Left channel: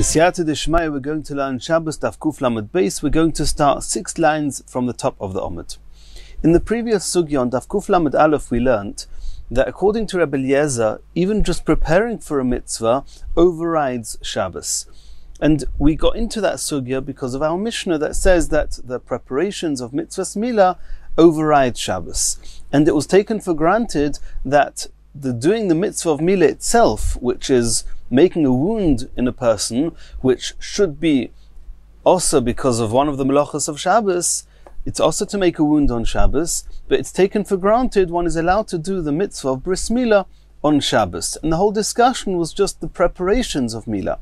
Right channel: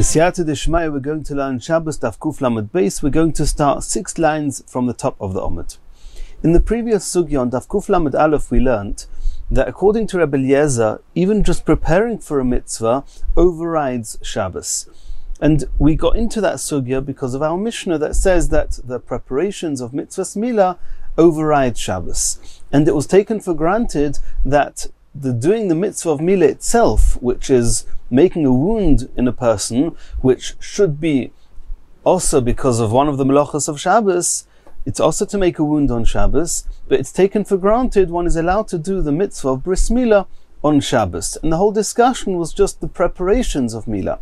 B'siyata d'shmaya, we're going to learn Shabbos Daf Kuf Lamed Beis. We're going to start 6 lines from the top of the Omid. In the previous sugya on Daf Kuf Lamed Aleph, we learnt that according to Rebbe Eliezer, even just preparing for a mitzvah overrides Shabbos. And we got into that sugya because of our Mishnah that says that the preparations of mitzvahs milah override Shabbos. And it was taken for granted that doing the mitzvah of milah itself, which is making a wound in a person, which should be also because of one of the melachos of Shabbos, it's also to make a wound on Shabbos, but it's taken for granted one is allowed to do the mitzvah of bris milah on Shabbos. And the whole discussion was just the preparations of milah.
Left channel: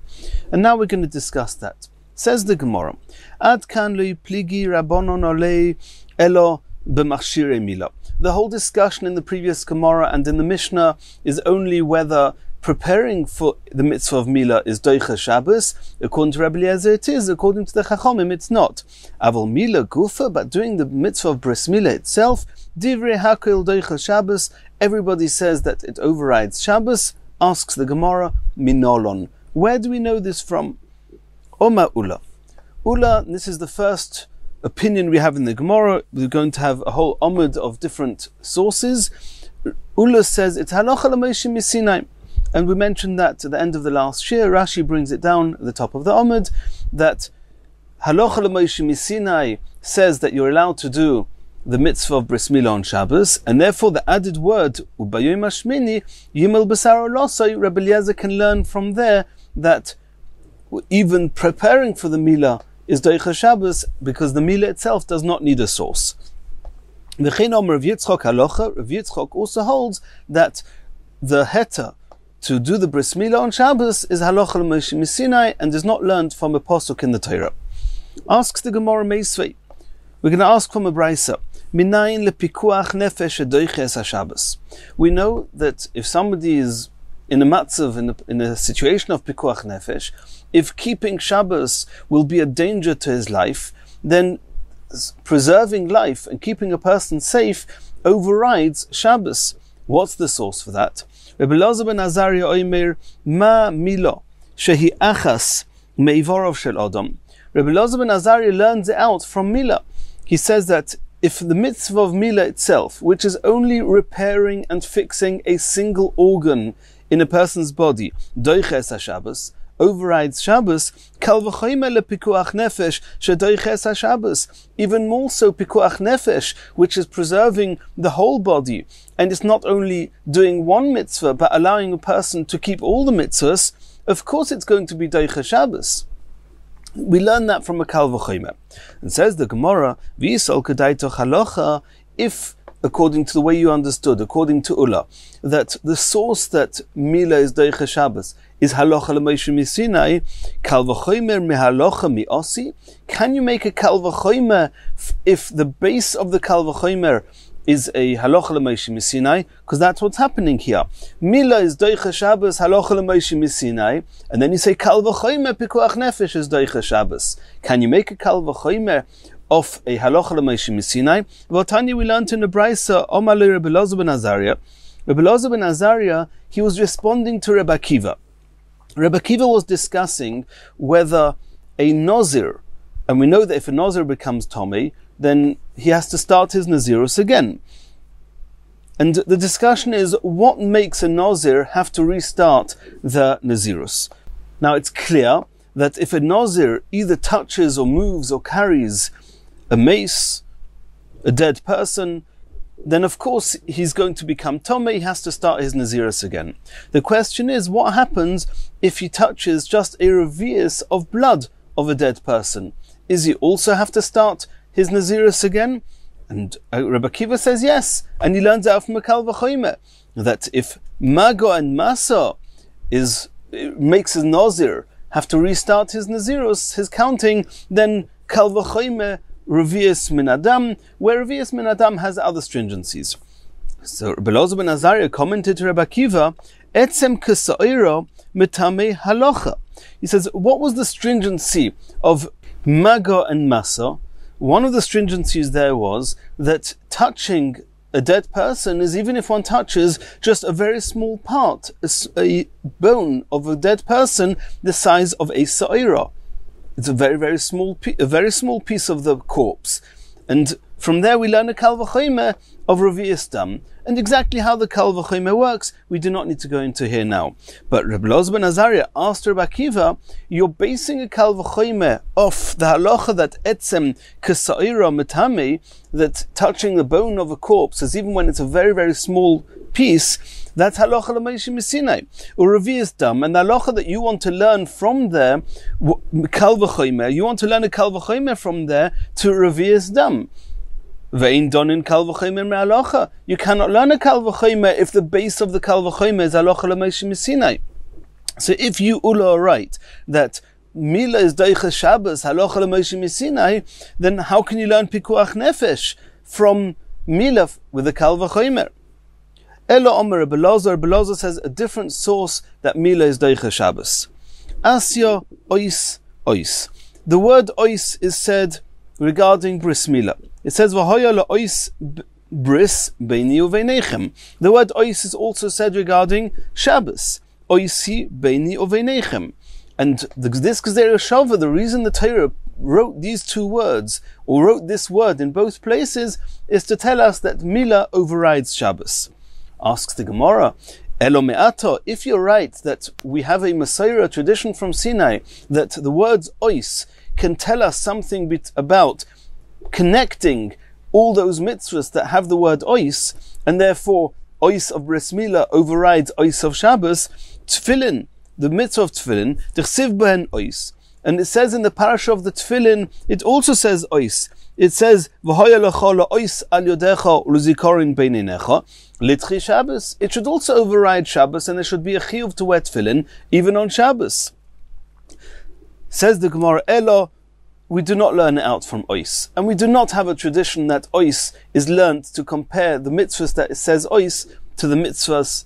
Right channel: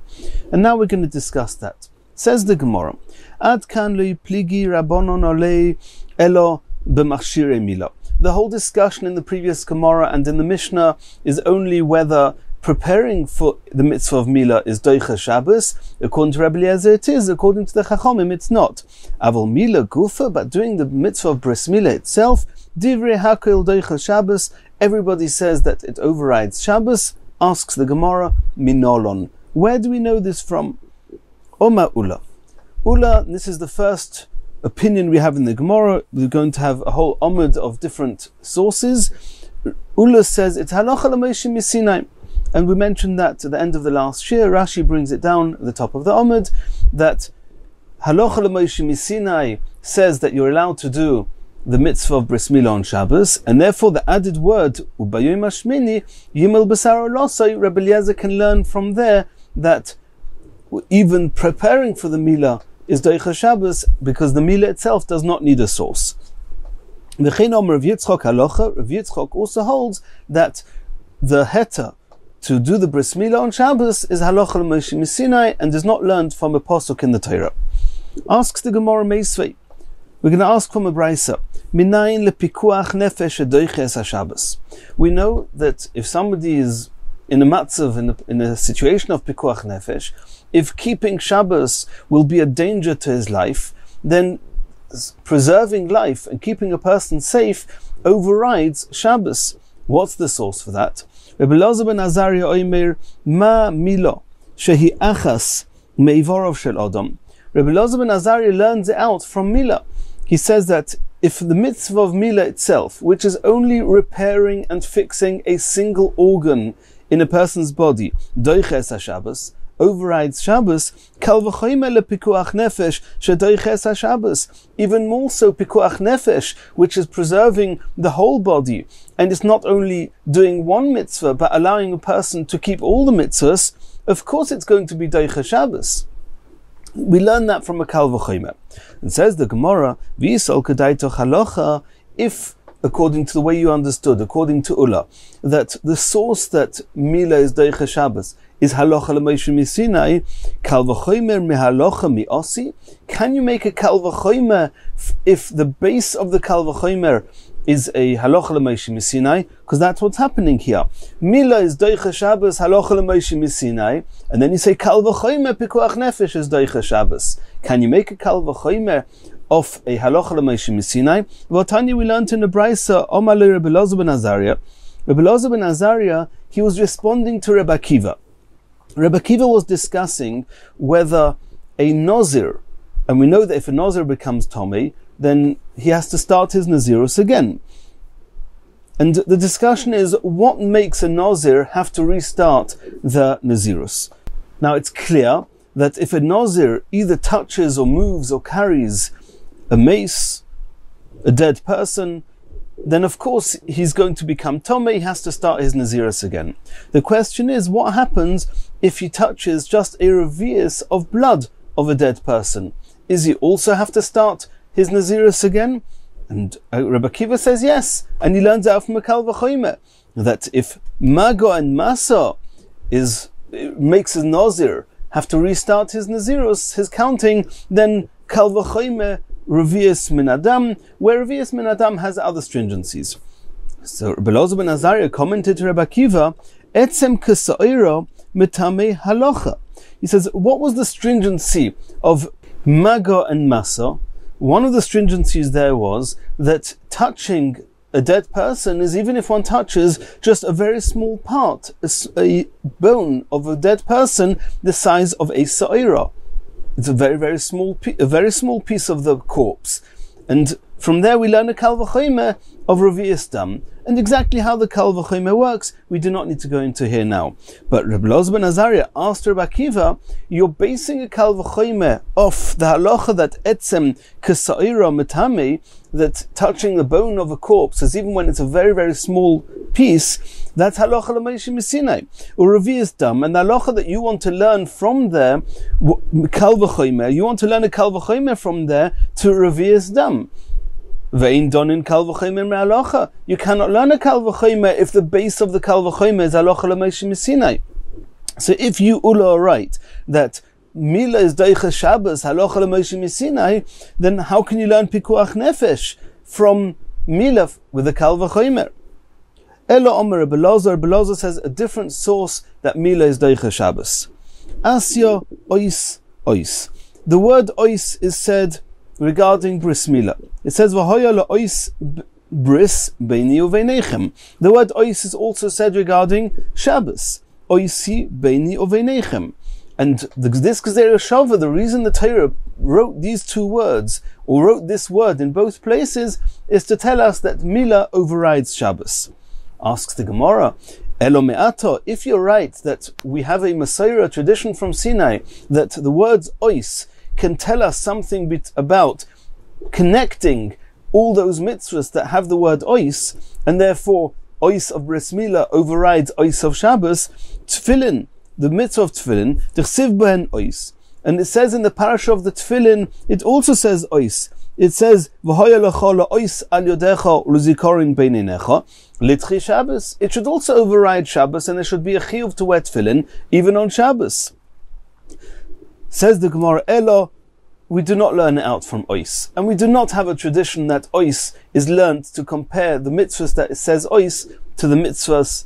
And now we're going to discuss that. Says the Gemara, Ad kan lo pligi rabbonon olei elo b'machshirei milah. The whole discussion in the previous Gemara and in the Mishnah is only whether preparing for the mitzvah of milah is doicha Shabbos. According to Rebbe Eliezer it is, according to the Chachomim it's not. Aval milah gufa, but doing the mitzvah of bris milah itself, divrei hakol doicha Shabbos, everybody says that it overrides Shabbos. Asks the Gemara, minolon. Where do we know this from? Oma Ula. Ula, this is the first opinion we have in the Gemara. We're going to have a whole omid of different sources. Ula says it's halacha l'Moshe miSinai. And we mentioned that at the end of the last shir. Rashi brings it down at the top of the omid that halacha l'Moshe miSinai says that you're allowed to do the mitzvah of bris milah on Shabbos, and therefore the added word ubayom hashmini yimel b'saro losai, Rebbe Eliezer can learn from there that even preparing for the milah is doicha Shabbos because the milah itself does not need a source. V'chein omer Rav Yitzchak halacha. Rav Yitzchak also holds that the heter to do the bris milah on Shabbos is halacha l'Moshe miSinai and is not learned from a pasuk in the Torah. Asks the Gemara Meisvei. We're going to ask from a brisa. Minayin lepikuach nefesh doiches haShabbos. We know that if somebody is in a matzav, in a situation of pikuach nefesh, if keeping Shabbos will be a danger to his life, then preserving life and keeping a person safe overrides Shabbos. What's the source for that? Rebbe Elazar ben Azariah oimer ma milo shehi achas meivorov shel adam. Rebbe Elazar ben Azariah learns it out from milah. He says that if the mitzvah of milah itself, which is only repairing and fixing a single organ in a person's body, doiches haShabbos, overrides Shabbos, kal v'chomer lepikuach nefesh shedoiches haShabbos. Even more so pikuach nefesh, which is preserving the whole body, and it's not only doing one mitzvah but allowing a person to keep all the mitzvahs. Of course, it's going to be doicha Shabbos. We learn that from a kal v'chomer. And says the Gemara, v'yisol kedaito halacha, if according to the way you understood, according to Ula, that the source that milah is doicha Shabbos is halacha l'Moshe miSinai, kal v'chomer mehalacha mi'osi. Can you make a kal v'chomer if the base of the kal v'chomer is a halacha l'Moshe miSinai? Because that's what's happening here. Milah is doicha Shabbos, halacha l'Moshe miSinai, and then you say kal v'chomer pikuach nefesh is doicha Shabbos. Can you make a kal v'chomer of a halacha l'Moshe miSinai? Well, Tanya, we learned in the brisa, Omar le Rebbe Elazar ben Azariah. Rebbe Elazar ben Azariah, he was responding to Rebbe Akiva. Rebbe Akiva was discussing whether a Nazir, and we know that if a Nazir becomes Tomei, then he has to start his Nazirus again. And the discussion is, what makes a Nazir have to restart the Nazirus? Now it's clear that if a Nazir either touches or moves or carries a mace, a dead person, then of course he's going to become Tomei, he has to start his Nazirus again. The question is, what happens if he touches just a revius of blood of a dead person? Is he also have to start his Nazirus again? And Rebbe Akiva says yes, and he learns out from a kal v'chomer that if Mago and Masa makes his Nazir have to restart his Nazirus, his counting, then kal v'chomer revius min adam, where revius min adam has other stringencies. So Rebbe Elazar ben Azariah commented to Rebbe Akiva, etzem k'sa'ira mitame halacha. He says, what was the stringency of Maga and Masa? One of the stringencies there was that touching a dead person is even if one touches just a very small part, a bone of a dead person the size of a sa'ira. It's a very small piece of the corpse. And from there we learn a kal v'chomer of revi'is dam. And exactly how the kal v'chomer works, we do not need to go into here now. But Reb Elazar ben Azariah asked Reb Akiva, you're basing a kal v'chomer off the halacha that etzem k'sa'ira metame, that touching the bone of a corpse, as even when it's a very small piece, that's halacha l'meishim misinai or revi'is dam. And the halacha that you want to learn from there, kal v'chomer, you want to learn a kal v'chomer from there to revi'is dam. Ve'in donin kal v'chomer me'halacha. You cannot learn a kal v'chomer if the base of the kal v'chomer is halacha l'meishim misinai. So if you Ula are right that Mila is Deicha Shabbos, halacha l'meishim misinai, then how can you learn pikuach nefesh from Mila with the kal v'chomer? Elo Omer Reb Elazar says a different source that Mila is Deicha Shabbos. Asya ois ois. The word ois is said regarding bris Mila. It says v'hoya la'ois bris beini uveinechem. The word ois is also said regarding Shabbos. Oisi beini uveinechem. And this Gezerah Shava, the reason the Torah wrote these two words, or wrote this word in both places, is to tell us that Mila overrides Shabbos. Asks the Gemara, Elo me'ato, if you're right that we have a Messiah tradition from Sinai, that the words ois can tell us something about connecting all those mitzvahs that have the word ois, and therefore ois of bris milah overrides ois of Shabbos, tefillin, the mitzvah of tefillin, t'chsiv behen ois. And it says in the parasha of the tefillin, it also says ois. It says, v'hoya lecha la'ois al yodecha u'luzikorin beinenecha, litchi Shabbos. It should also override Shabbos, and there should be a chiyuv to wear tefillin, even on Shabbos. Says the Gemara, Elo, we do not learn it out from ois. And we do not have a tradition that ois is learnt to compare the mitzvahs that it says ois to the mitzvahs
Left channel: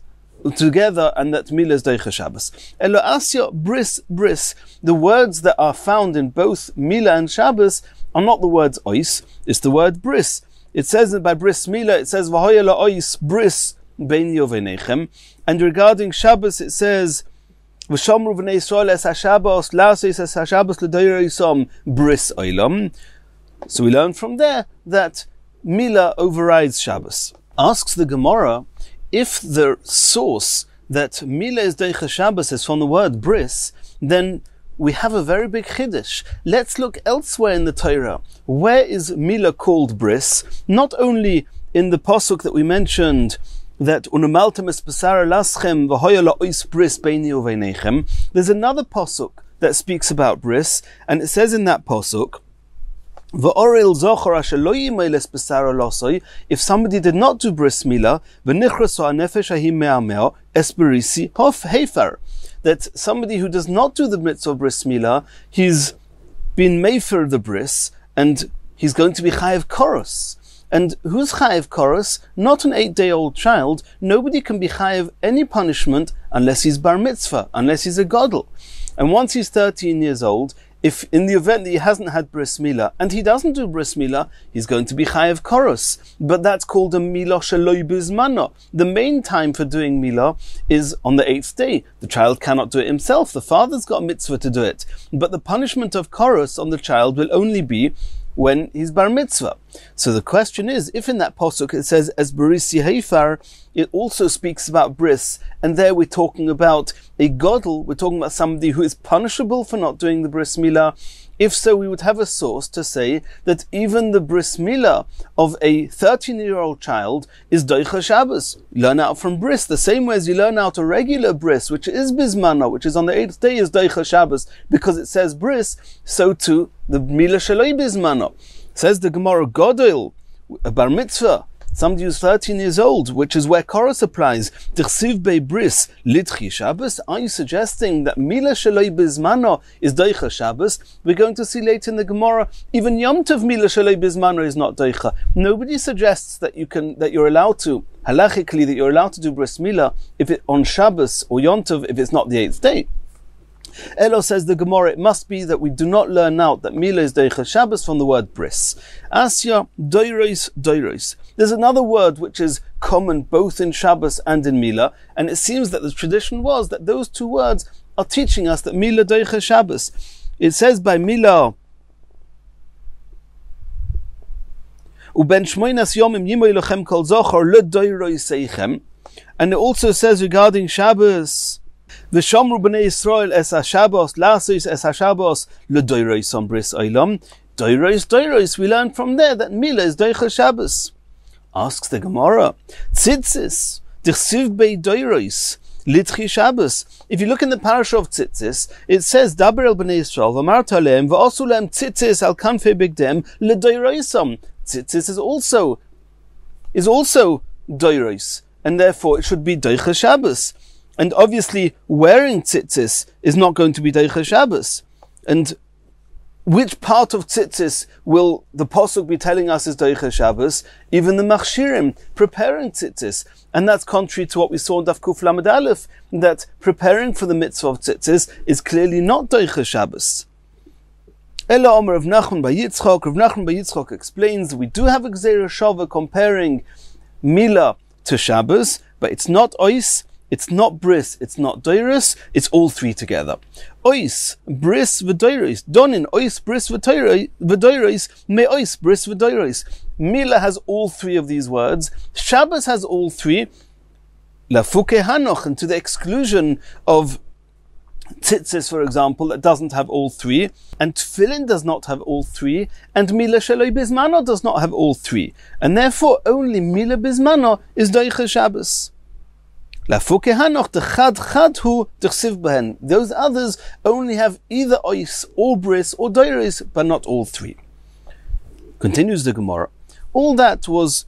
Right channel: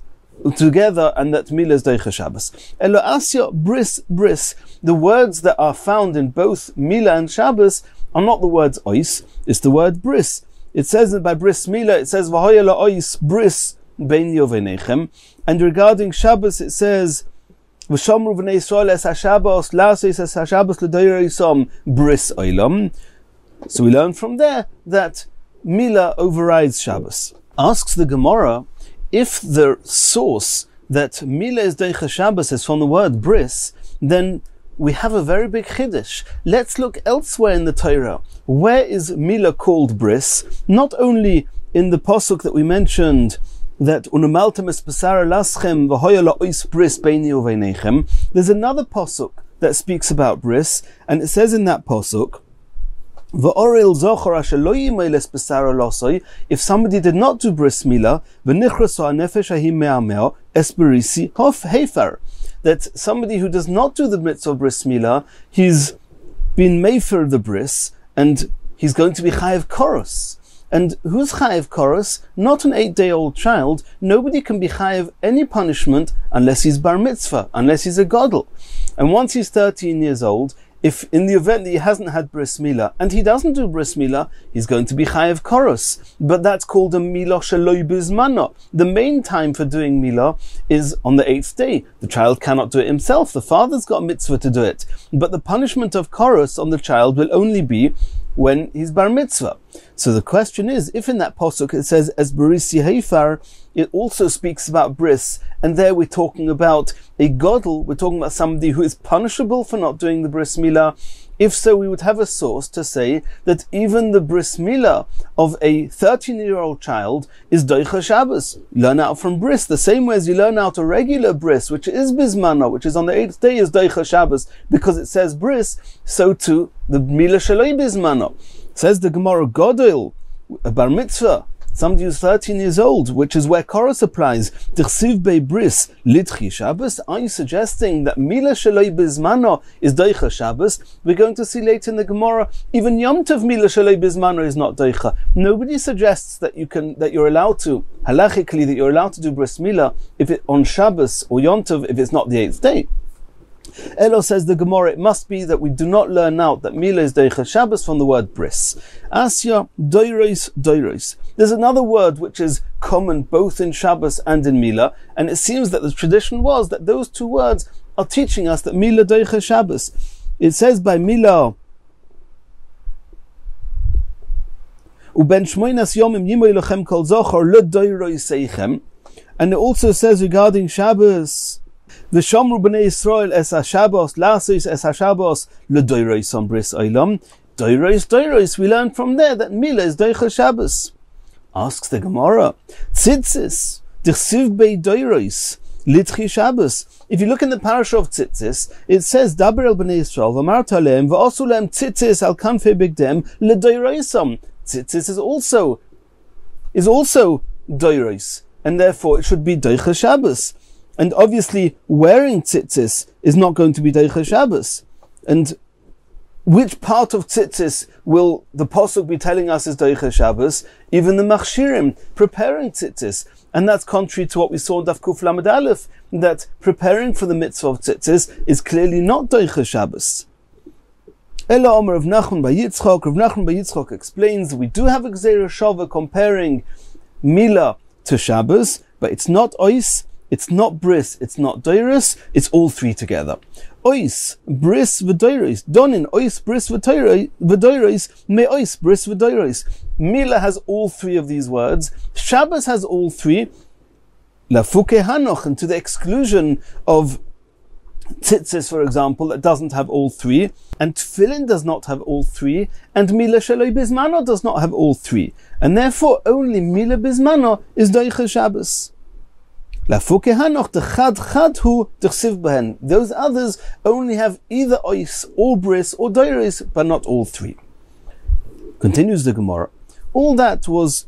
together, and that Mila is Deicha Shabbos. Elo asya bris bris. The words that are found in both Mila and Shabbos are not the words ois, it's the word bris. It says that by bris Mila, it says v'hoya la'ois bris beini uveinechem. And regarding Shabbos, it says v'shomru v'nei Yisrael es ha-Shabbos la'asos es ha-Shabbos l'doyreisom bris oilam. So we learn from there that Mila overrides Shabbos. Asks the Gemara, if the source that Mila is Deicha Shabbos is from the word bris, then we have a very big chiddush. Let's look elsewhere in the Torah. Where is Mila called bris? Not only in the pasuk that we mentioned, that unumaltem es besara laschem v'hoya la'ois bris beini uveinechem. There's another pasuk that speaks about bris, and it says in that pasuk, v'oril zochor asher lo yimei les besara losoi. If somebody did not do bris milah, v'nichraso ha'nefesh hahim me'ameo es berisi hof hefer. That somebody who does not do the mitzvah of bris milah, he's been made for the bris, and he's going to be chayev koros. And who's chayev koros? Not an 8-day-old child. Nobody can be chayev any punishment unless he's bar mitzvah, unless he's a gadol. And once he's 13 years old, if in the event that he hasn't had bris milah, and he doesn't do bris milah, he's going to be chayev koros. But that's called a milah sheloi bizmano. The main time for doing milah is on the 8th day. The child cannot do it himself. The father's got a mitzvah to do it. But the punishment of koros on the child will only be when he's bar mitzvah. So the question is, if in that pasuk it says as barisi heifar, it also speaks about bris, and there we're talking about a gadol, we're talking about somebody who is punishable for not doing the bris milah. If so, we would have a source to say that even the bris milah of a 13-year-old child is Deicha Shabbos. You learn out from bris, the same way as you learn out a regular bris, which is bismana, which is on the 8th day, is Deicha Shabbos, because it says bris, so too the milah shaloi bismana. Says the Gemara, Godel, a bar mitzvah, somebody who's 13 years old, which is where Koros applies, T'chsiv bei bris, litchi Shabbos. Are you suggesting that Mila Shaloi Bizmano is Deicha Shabbos? We're going to see later in the Gemara, even Yom Tov Mila Shaloi Bizmano is not Deicha. Nobody suggests that you're allowed to, halachically, that you're allowed to do bris Mila if it on Shabbos or Yom Tov if it's not the 8th day. Elo says the Gemara, it must be that we do not learn out that Mila is Deicha Shabbos from the word bris. Asya, doiros, doiros. There's another word which is common both in Shabbos and in Mila, and it seems that the tradition was that those two words are teaching us that Mila Deicha Shabbos. It says by Mila, Uben shmoinas yomim yimoy lochem kol zochor le doiroi seichem. And it also says regarding Shabbos, V'shomru b'nei Yisrael es ha-Shabbos, lasos es ha-Shabbos, l'doiros on bris oilam. Doiros, doiros, we learn from there that Mila is Deicha Shabbos. Asks the Gemara, Tzitzis, d'chsiv bei doiros, litchi Shabbos. If you look in the parasha of Tzitzis, it says, Daber el b'nei Yisrael, v'amart aleim, v'osu lehem tzitzis al kanfei bigdem, l'doirosam. Tzitzis is also doiros, and therefore it should be Deicha Shabbos. And obviously, wearing tzitzis is not going to be Deicha Shabbos. And which part of tzitzis will the Pasuk be telling us is Deicha Shabbos? Even the machshirim, preparing tzitzis. And that's contrary to what we saw in Daf Kuf Lamed Aleph, that preparing for the mitzvah of tzitzis is clearly not Deicha Shabbos. Ela Omer Rav Nachman by Yitzchak. Rav Nachman by Yitzchak explains that we do have a Gzeira Shava comparing Mila to Shabbos, but it's not ois, it's not bris, it's not doiros, it's all three together. Ois, bris, v'doiros. Donin, ois, bris, v'doiros, me ois, bris, v'doiros. Mila has all three of these words. Shabbos has all three. Lafuke hanoch, and to the exclusion of tzitzis, for example, that doesn't have all three, and tefillin does not have all three, and Mila Sheloi Bismano does not have all three, and therefore only Mila Bismano is Deicha Shabbos. Lafuke hanoch dechad chad hu dechsiv behen. Those others only have either ois or bris or doiros, but not all three. Continues the Gemara. All that was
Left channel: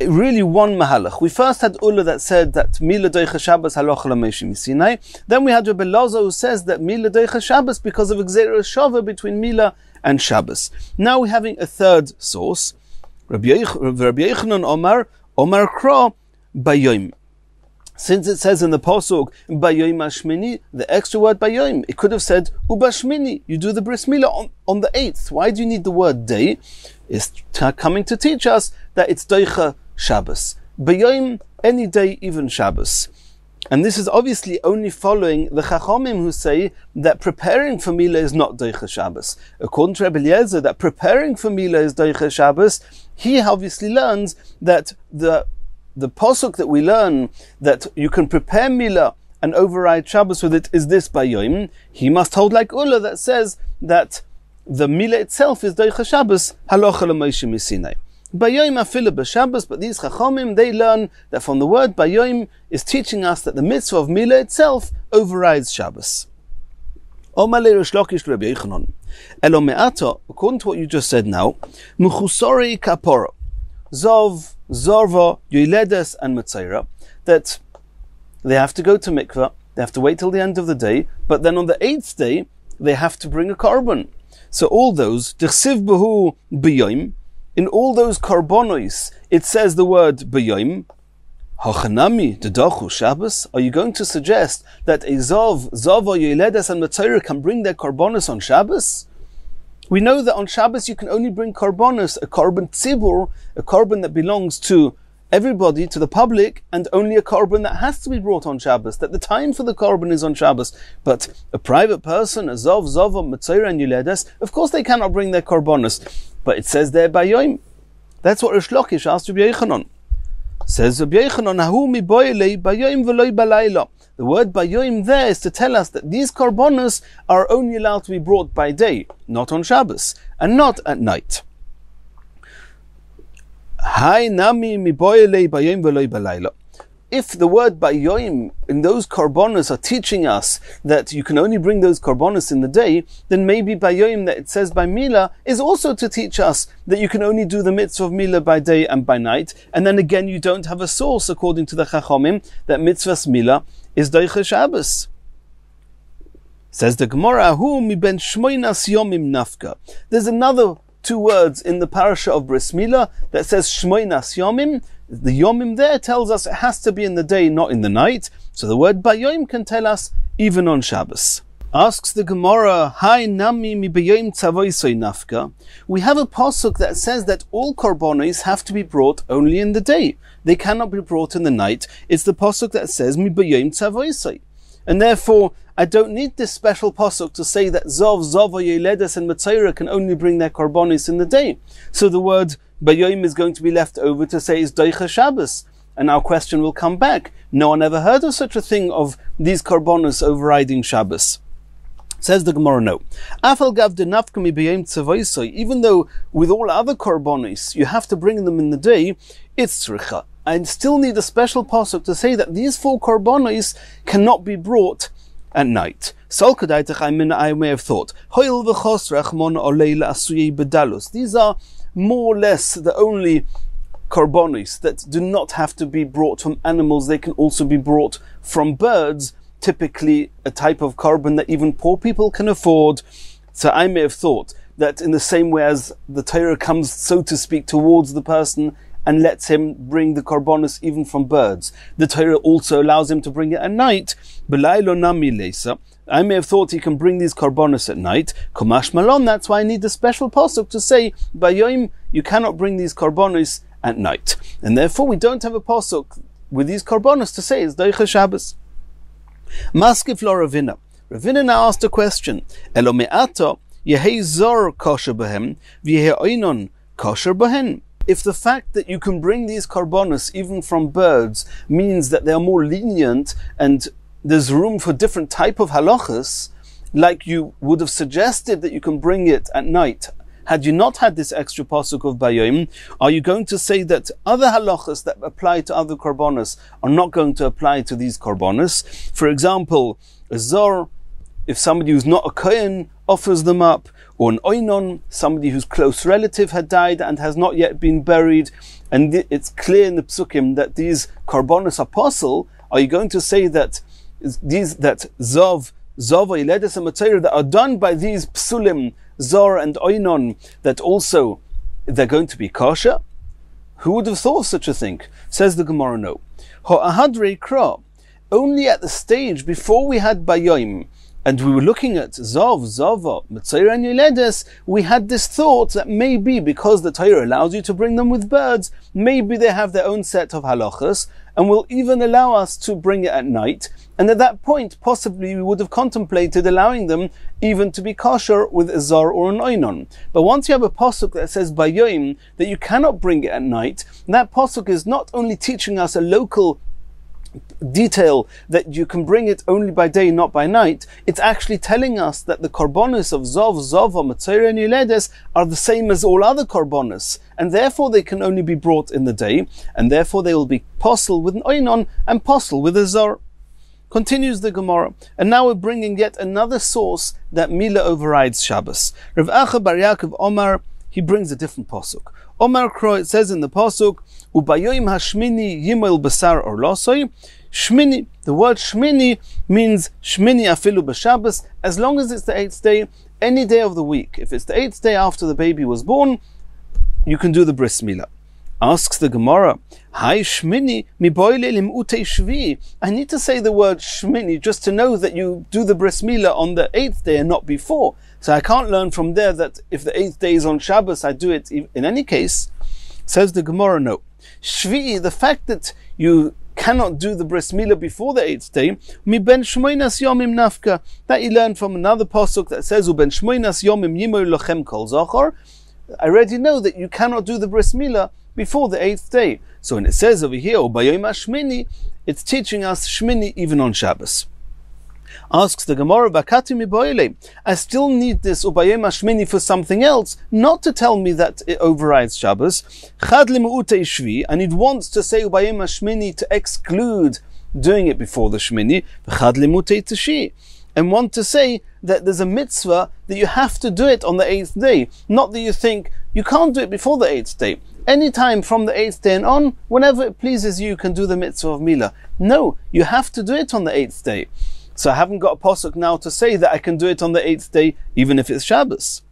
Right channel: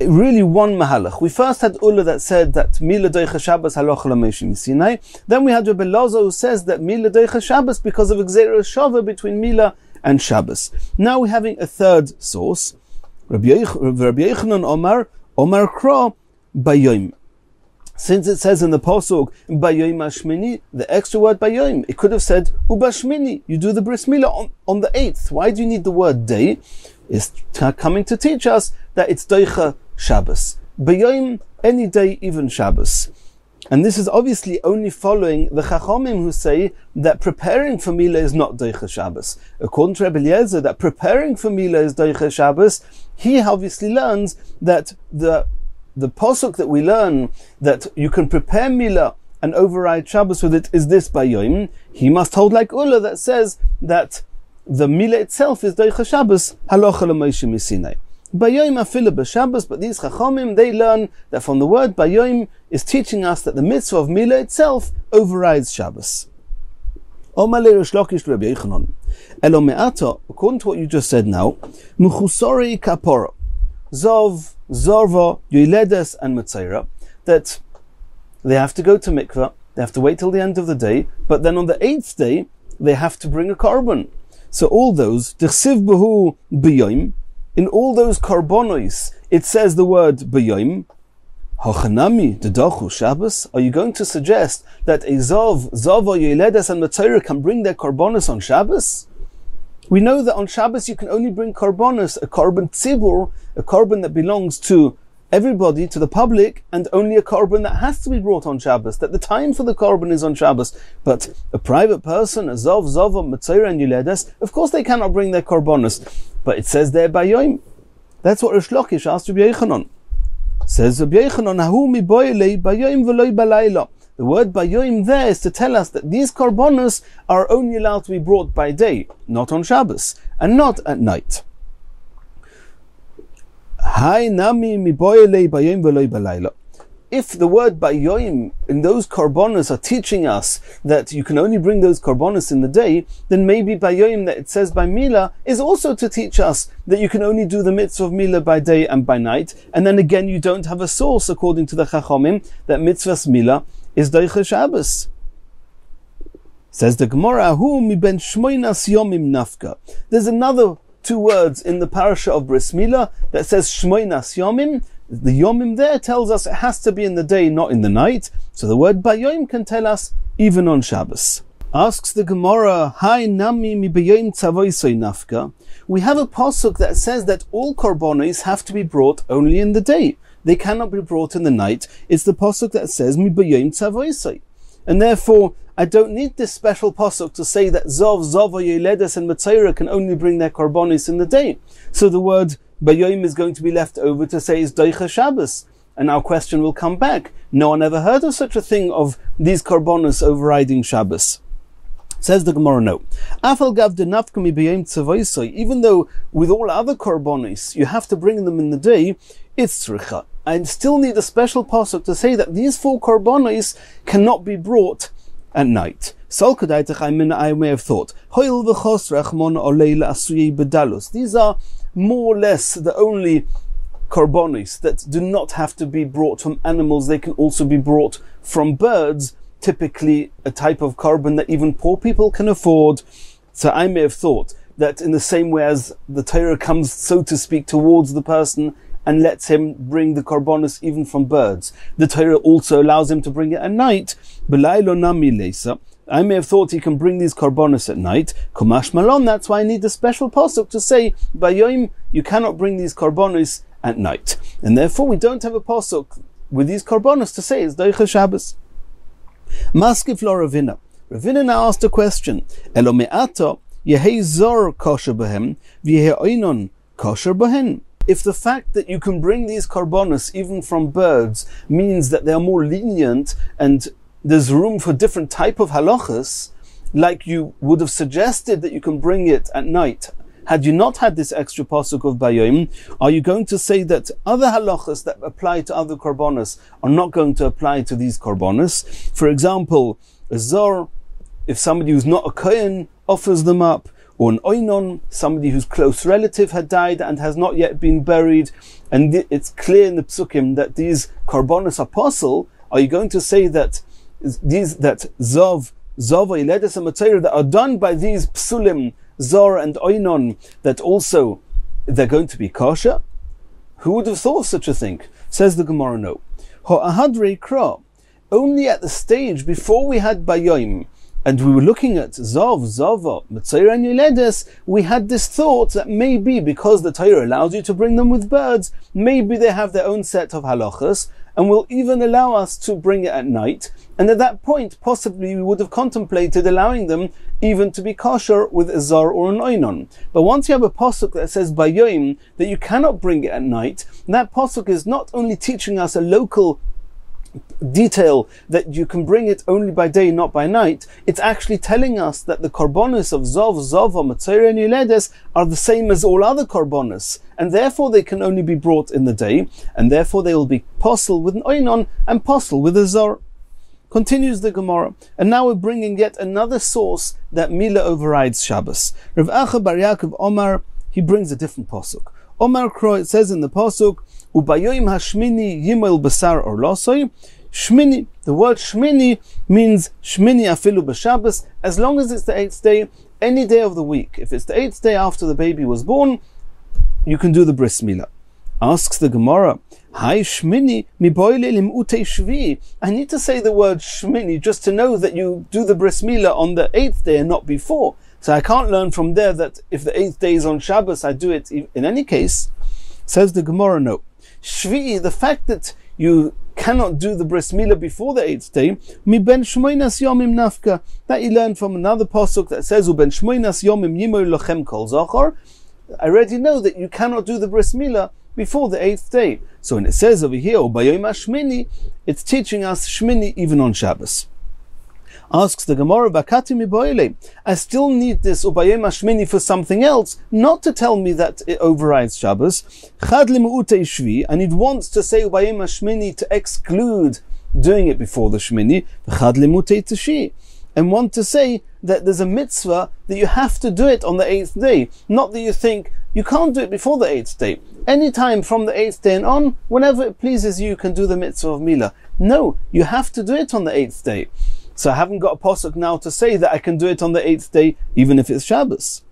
really one mahalach. We first had Ula that said that Mila Deicha Shabbos halocha l'Moshe Sinai. Then we had Rabbi Lozo who says that Mila Deicha Shabbos because of a Gzeira Shava between Mila and Shabbos. Now we're having a third source. Rabbi Yochanan Omar Kra Bayoim. Since it says in the Pasuk Bayoim Ashmini, the extra word Bayoim, it could have said Ubashmini. You do the bris Mila on the 8th. Why do you need the word day? It's coming to teach us that it's Deicha Shabbos. Bayoim, any day, even Shabbos. And this is obviously only following the Chachamim who say that preparing for Mila is not Deicha Shabbos. According to Rebbe Eliezer, that preparing for Mila is Deicha Shabbos, he obviously learns that the Pasuk that we learn that you can prepare Mila and override Shabbos with it is this Bayoim. He must hold like Ula that says that the Mila itself is Deicha Shabbos, halocha l'Moshe Sinai. Bayoim afilu b'Shabbos, but these Chachamim, they learn that from the word Bayoim is teaching us that the mitzvah of Mila itself overrides Shabbos. Omar le Rish Lakish Rabbi Yochanan. Elo me'ata, according to what you just said now, Mechusori kapora, Zov, Zorva, Yoiledes, and Metzaira, that they have to go to mikveh, they have to wait till the end of the day, but then on the 8th day, they have to bring a korban. So all those, Dechsiv Behu B'yoim, in all those korbanos, it says the word B'yoim. Hachanami Dedachu Shabbos. Are you going to suggest that a Zava, Yoiledes, and Metzaira can bring their korbanos on Shabbos? We know that on Shabbos you can only bring korbanos, a korban tzibur, a korban that belongs to everybody, to the public, and only a korban that has to be brought on Shabbos, that the time for the korban is on Shabbos. But a private person, a Zava, Metzaira, and Yoiledes, of course they cannot bring their korbanos. But it says there Bayoim. That's what Rish Lakish asked Rabbi Yochanan. Says Rabbi Yochanan, Hahu mi boyelei Bayoim v'loi balayla. The word Bayoim there is to tell us that these korbanos are only allowed to be brought by day, not on Shabbos, and not at night. Hai nami mi boyelei Bayoim v'loi balayla. If the word Bayoim in those korbanos are teaching us that you can only bring those korbanos in the day, then maybe Bayoim that it says by Mila is also to teach us that you can only do the mitzvah of Mila by day and by night, and then again you don't have a source according to the Chachamim that mitzvah's Mila is Deicha Shabbos. Says the Gemara, Hu mi ben shmoinas yomim nafka. There's another two words in the parasha of Bris Mila that says shmoinas yomim. The Yomim there tells us it has to be in the day, not in the night. So the word Bayoim can tell us even on Shabbos. Asks the Gemara, Hai nami mi b'yom tzavoisoi nafka. We have a pasuk that says that all korbanos have to be brought only in the day. They cannot be brought in the night. It's the pasuk that says mi b'yom tzavoisoi. And therefore, I don't need this special pasuk to say that Zov, Zova, Yeledes, and Matzayra can only bring their korbanos in the day. So the word b'yom is going to be left over to say is doicha Shabbos. And our question will come back. No one ever heard of such a thing of these korbanos overriding Shabbos. Says the Gemara, no. Even though with all other korbanos you have to bring them in the day, it's tzricha. I still need a special pasuk to say that these 4 korbanos cannot be brought at night. I may have thought, these are more or less the only korbanos that do not have to be brought from animals. They can also be brought from birds, typically a type of korban that even poor people can afford. So I may have thought that in the same way as the Torah comes, so to speak, towards the person and lets him bring the korbanos even from birds, the Torah also allows him to bring it at night. I may have thought he can bring these korbanos at night. Kumash malon, that's why I need the special pasuk to say, Bayom, you cannot bring these korbanos at night. And therefore we don't have a pasuk with these korbanos to say it's doicha Shabbos. Maskif lo Ravina. Ravina now asked a question. Elo me'ata yehei zor kosher behem v'yehei oinon kosher behen. If the fact that you can bring these korbanos even from birds means that they are more lenient and there's room for different type of halachas, like you would have suggested that you can bring it at night, had you not had this extra pasuk of Bayom, are you going to say that other halachas that apply to other korbanos are not going to apply to these korbanos? For example, a zor, if somebody who's not a kohen offers them up, or an oinon, somebody whose close relative had died and has not yet been buried, and it's clear in the psukim that these korbanos are possible, are you going to say that zov, Yeledes, and Matzayra that are done by these psulim, Zor and Oinon, that also they're going to be kosher? Who would have thought of such a thing? Says the Gemara, no. Ho'ahadrei kra. Only at the stage before we had Bayom, and we were looking at Zov, Zova, Matzayra and Yeledes, we had this thought that maybe because the Torah allows you to bring them with birds, maybe they have their own set of halachas, and will even allow us to bring it at night. And at that point, possibly we would have contemplated allowing them even to be kosher with a zar or an oinon. But once you have a pasuk that says bayom, that you cannot bring it at night, that pasuk is not only teaching us a local detail that you can bring it only by day, not by night, it's actually telling us that the korbanos of Zov, Zova, Matzayra and Yeledes are the same as all other korbanos, and therefore they can only be brought in the day, and therefore they will be posel with an oinon and posel with a zar. Continues the Gemara, and now we're bringing yet another source that Mila overrides Shabbos. Rav Acha bar Yaakov Omar, he brings a different pasuk. Omar Kro, it says in the pasuk, Ubayoim hashmini yimel basar or losoi. Shmini, the word shmini means shmini afilu b'Shabbos, as long as it's the 8th day, any day of the week. If it's the 8th day after the baby was born, you can do the bris milah. Asks the Gemara, Hi shmini mi boile lim ute shvi. I need to say the word shmini just to know that you do the bris milah on the 8th day and not before. So I can't learn from there that if the 8th day is on Shabbos, I do it in any case. Says the Gemara, no. Shvi, the fact that you cannot do the bris milah before the 8th day, mi ben shmoinas yomim nafka. That you learn from another pasuk that says, U ben shmoinas yomim yimoy lochem kol zachor. I already know that you cannot do the bris milah before the 8th day. So when it says over here, Ubayom hashmini, it's teaching us shmini even on Shabbos. Asks the Gemara, Bakati mi boile. I still need this Ubayom hashmini for something else, not to tell me that it overrides Shabbos. Chad limu'utei shvi, and it wants to say Ubayom hashmini to exclude doing it before the shmini. Chad limu'utei tishi, and want to say that there's a mitzvah that you have to do it on the 8th day, not that you think you can't do it before the 8th day. Anytime from the 8th day and on, whenever it pleases you, you can do the mitzvah of milah. No, you have to do it on the 8th day. So I haven't got a pasuk now to say that I can do it on the 8th day, even if it's Shabbos.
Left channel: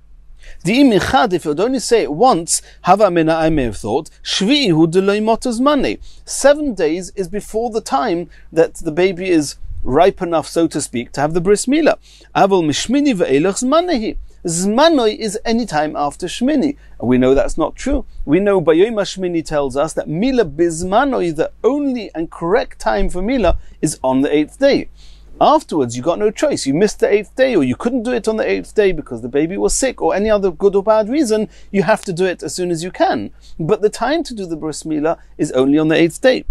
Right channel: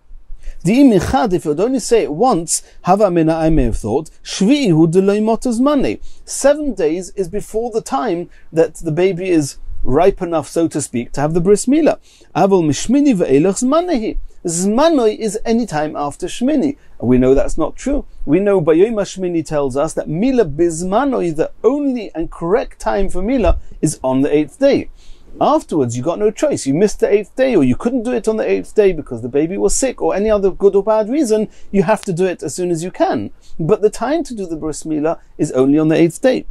If you'd only say it once, hava mina, I may have thought, shvi'i hu deloi motas mane. 7 days is before the time that the baby is ripe enough, so to speak, to have the bris milah. Avol mishmini ve'elach zmanehi. Zmanoi is any time after Shmini. And we know that's not true. We know Bayom Shmini tells us that Mila Bizmanoi, the only and correct time for Mila, is on the 8th day. Afterwards, you got no choice. You missed the 8th day, or you couldn't do it on the 8th day because the baby was sick, or any other good or bad reason. You have to do it as soon as you can. But the time to do the bris milah is only on the 8th day.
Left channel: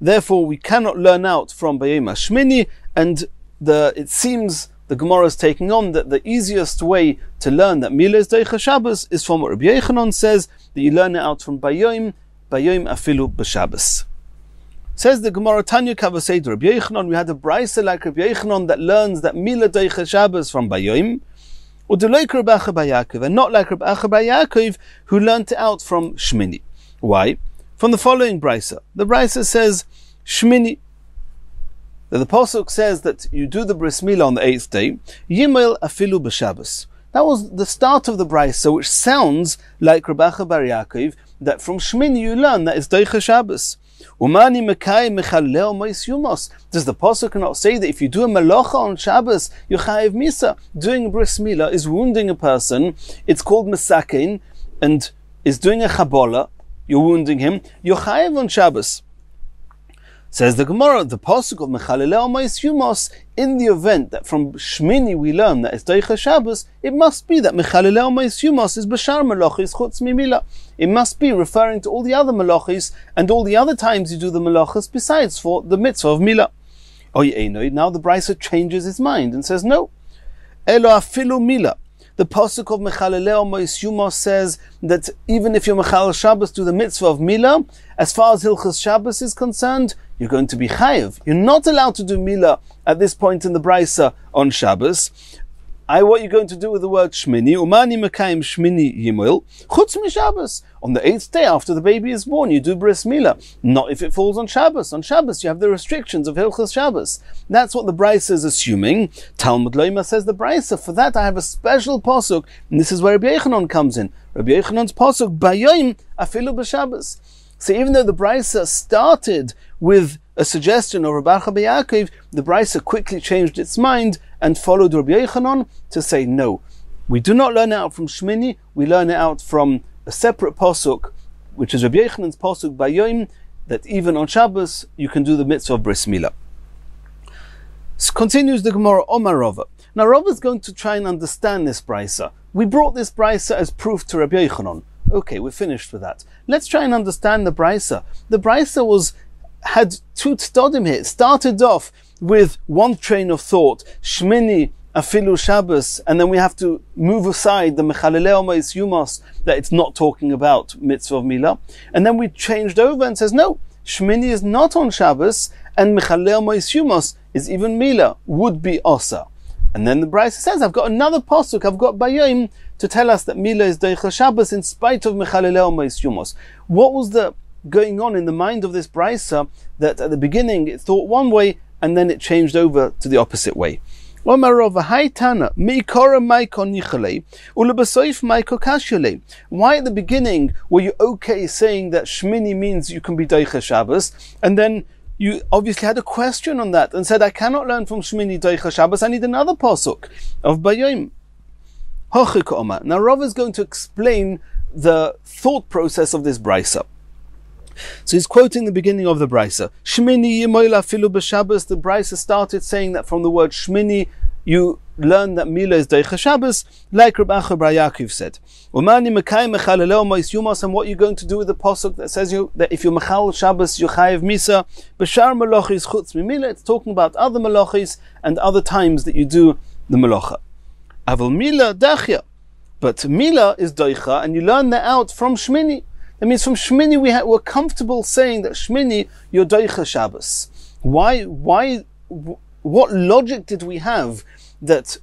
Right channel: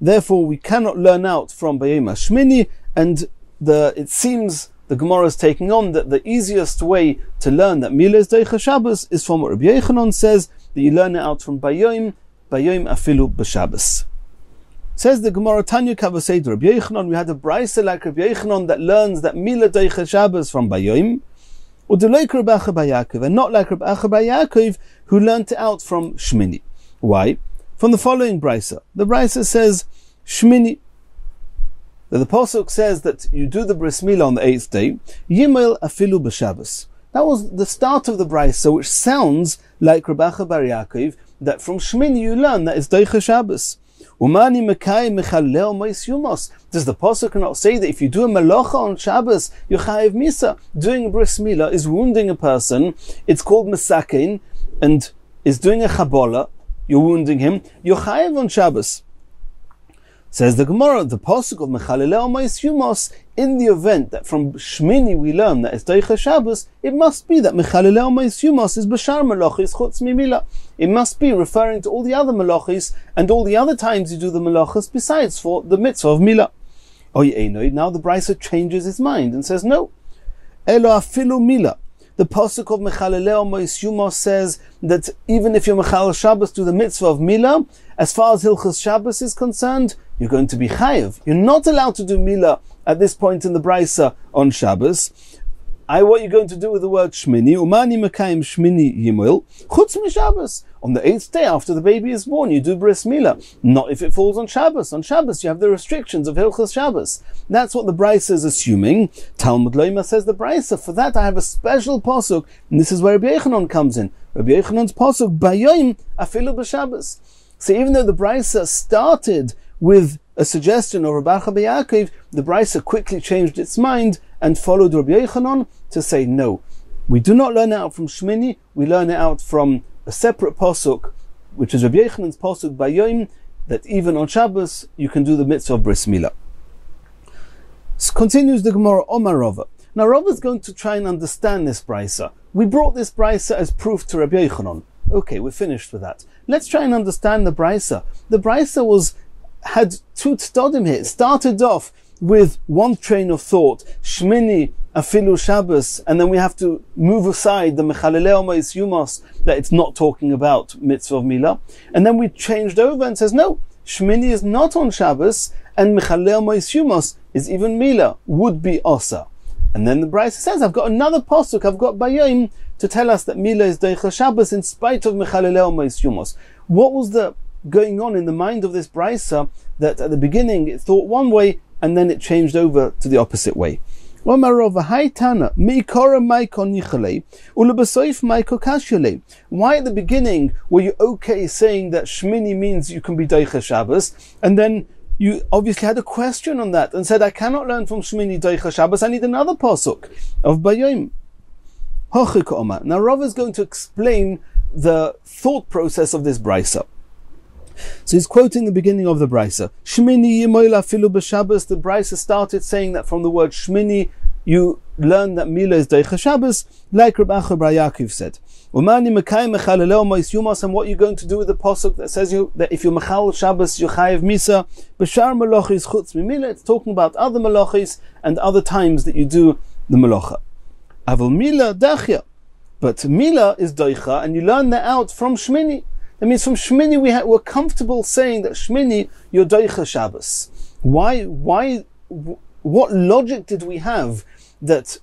Therefore, we cannot learn out from Bayom Shmini, and it seems the Gemara is taking on that the easiest way to learn that Mila is Deicha Shabbos is from what Rabbi Yechanan says, that you learn it out from Bayom Afilu B'Shabbos. Says the Gemara, Tanya Kavasei Rabbi Yechanan, we had a brisa like Rabbi Yechanan that learns that Mila Deicha Shabbos from Bayom, or Deloik Rabbi Acha Bar Yaakov, and not like Rabbi Acha Bar Yaakov, who learnt it out from Shmini. Why? From the following brisa. The brisa says, Shmini, the pasuk says that you do the bris milah on the 8th day, Yimel Afilu B'Shabbos. That was the start of the brisa, which sounds like Rabbi Acha Bar Yaakov, that from Shmini you learn that it's Deicha Shabbos. Umani Mekai Mechalel Mois Yumos. Does the pasuk not say that if you do a malacha on Shabbos, you're chayiv misa? Doing a bris milah is wounding a person. It's called mesakein, and is doing a chabola. You're wounding him. You're chayiv on Shabbos. Says the Gemara, the pasuk of Mechalelel Mois Yumos, in the event that from Shmini we learn that it's Deicha Shabbos, it must be that Mechalelel Mois Yumos is Bashar Malachis Chutz Mimila. It must be referring to all the other malachis and all the other times you do the malachas besides for the mitzvah of Mila. Now the brisa changes his mind and says, no. Elo afilu Mila. The pasuk of Mechalelel Mois Yumos says that even if you're Mechal Shabbos do the mitzvah of Mila, as far as Hilchas Shabbos is concerned, you're going to be chayiv. You're not allowed to do Mila at this point in the brisa on Shabbos. What you're going to do with the word Shmini, Umani Mekayim Shmini Yimil, Chutz Mi Shabbos. On the 8th day after the baby is born, you do bris milah. Not if it falls on Shabbos. On Shabbos, you have the restrictions of Hilchas Shabbos. That's what the brisa is assuming. Talmud Loima says the brisa. For that, I have a special pasuk, and this is where Rabbi Yechanan comes in. Rabbi Yechanan's pasuk, Bayom Afilu B'Shabbos. So even though the brisa started with a suggestion of Rabbi Acha Bar Yaakov, the brisa quickly changed its mind and followed Rabbi Yechanan to say, no, we do not learn it out from Shmini, we learn it out from a separate pasuk, which is Rabbi Yechanan's pasuk Bayom, that even on Shabbos you can do the mitzvah of bris milah. So continues the Gemara, Omar Rava. Now Rava is going to try and understand this brisa. We brought this brisa as proof to Rabbi Yechanan. Okay, we're finished with that. Let's try and understand the brisa. The brisa had two tzedodim here. It started off with one train of thought, Shmini Afilu Shabbos, and then we have to move aside the Mechalelel Mois Yumos, that it's not talking about mitzvah of Milah. And then we changed over and says, no, Shmini is not on Shabbos, and Mechalelel Mois Yumos is even Milah, would be Osa. And then the brisa says, I've got another pasuk, I've got Bayom, to tell us that Milah is Deicha Shabbos in spite of Mechalelel Mois Yumos. What was the going on in the mind of this brisa that at the beginning it thought one way and then it changed over to the opposite way? Why at the beginning were you okay saying that Shmini means you can be Deicha Shabbos, and then you obviously had a question on that and said, I cannot learn from Shmini Deicha Shabbos, I need another pasuk of Bayom. Now Rav is going to explain the thought process of this brisa. So he's quoting the beginning of the brisa. Shmini Yimoila Filu B'Shabbos. The brisa started saying that from the word Shmini you learn that Mila is Deicha Shabbos, like Rabbi Acha Bar Yaakov said. Umani Mekayim Mechalelel Mois Yumos. And what you're going to do with the pasuk that says that if you're Mechal Shabbos you're chayiv misa. B'shar Malachis Chutz Mimila. It's talking about other Malachis and other times that you do the Malacha. Aval Mila Dachya. But Mila is Deicha, and you learn that out from Shmini. That means from Shmini we're comfortable saying that Shmini you're Deicha Shabbos. Why? What logic did we have that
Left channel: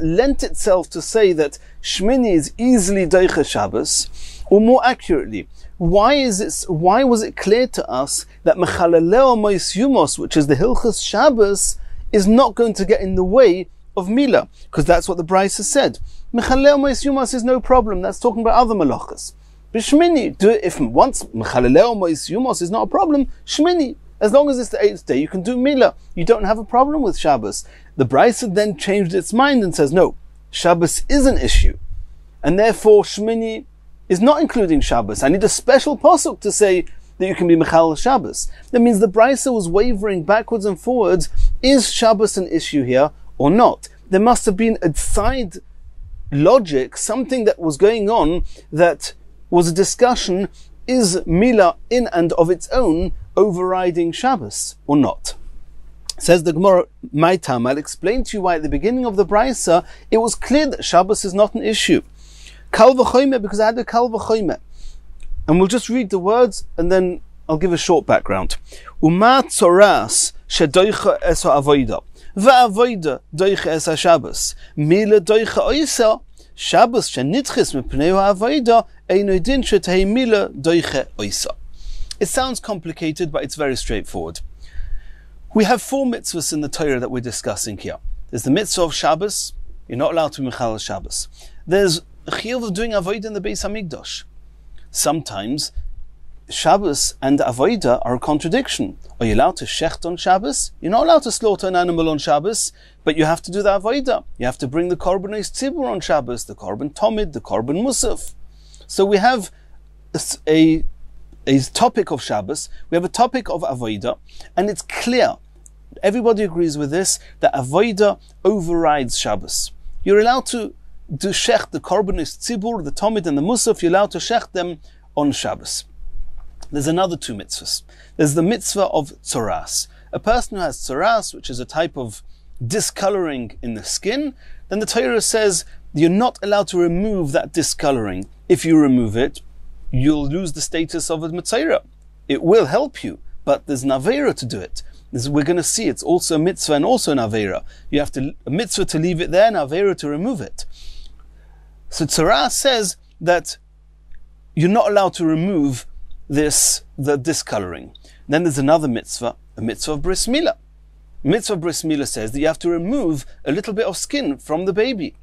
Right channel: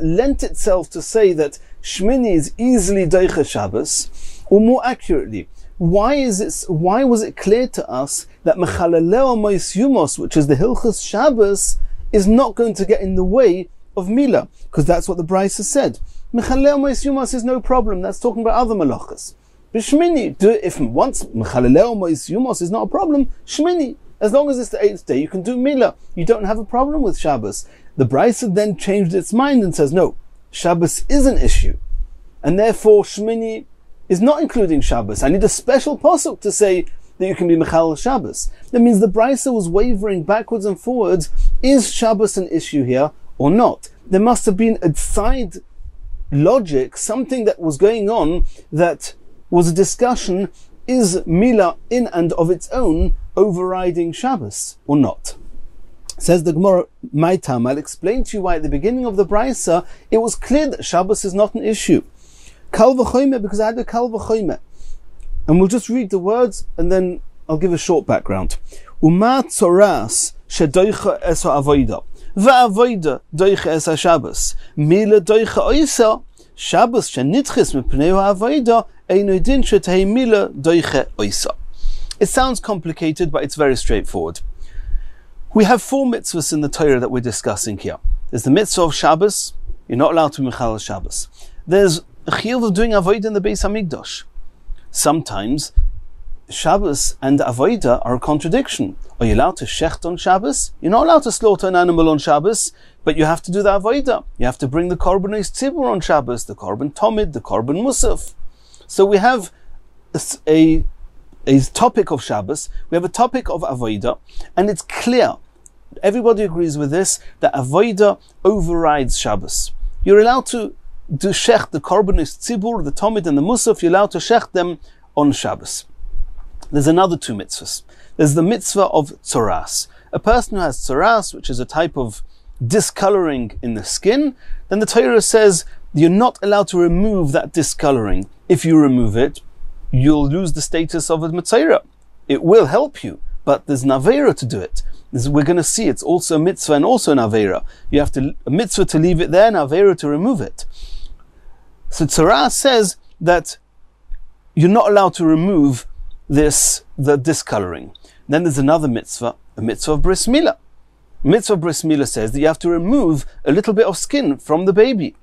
lent itself to say that Shmini is easily Deicha Shabbos? Or more accurately, why was it clear to us that Mechalelel Mois Yumos, which is the Hilchas Shabbos, is not going to get in the way of Mila? Because that's what the brisa said. Mechalelel Mois Yumos is no problem. That's talking about other malachas. But Shmini, if once Mechalelel Mois Yumos is not a problem, Shmini, As long as it's the 8th day, you can do Milah. You don't have a problem with Shabbos. The Brisa then changed its mind and says, no, Shabbos is an issue. And therefore, Shmini is not including Shabbos. I need a special pasuk to say that you can be Mechal Shabbos. That means the Brisa was wavering backwards and forwards. Is Shabbos an issue here or not? There must have been a side logic, something that was going on that was a discussion. Is Milah in and of its own overriding Shabbos or not? Says the Gemara, my time, I'll explain to you why at the beginning of the Brisa it was clear that Shabbos is not an issue. Kal v'choyme, because I had a kal v'choyme. And we'll just read the words and then I'll give a short background. Uma tzoras shedoicha es ha'avoida va'avoida doicha es ha'Shabbos mila doicha oisa Shabbos shenitchis mepnei ha'avoida eino din shetei mila doicha oisa. It sounds complicated, but it's very straightforward. We have 4 mitzvahs in the Torah that we're discussing here. There's the mitzvah of Shabbos. You're not allowed to Mechal Shabbos. There's a chiyuv of doing avodah in the Beis Hamikdash. Sometimes Shabbos and avodah are a contradiction. Are you allowed to shecht on Shabbos? You're not allowed to slaughter an animal on Shabbos, but you have to do the avodah. You have to bring the korbanos tzibur on Shabbos, the korban tomid, the korban musaf. So we have a topic of Shabbos, we have a topic of avodah, and it's clear, everybody agrees with this, that avodah overrides Shabbos. You're allowed to do shecht the korbanos tzibur, the tomid and the musaf, you're allowed to shecht them on Shabbos. There's another 2 mitzvahs. There's the mitzvah of tzoras. A person who has tzoras, which is a type of discoloring in the skin, then the Torah says you're not allowed to remove that discoloring. If you remove it, you'll lose the status of a Metzora. It will help you, but there's an Aveira to do it. We're going to see it's also a mitzvah and also an Aveira. You have a mitzvah to leave it there and an Aveira to remove it. So Tzara says that you're not allowed to remove the discoloring. Then there's another mitzvah, a mitzvah of bris milah. Mitzvah of bris milah says that you have to remove a little bit of skin from the baby.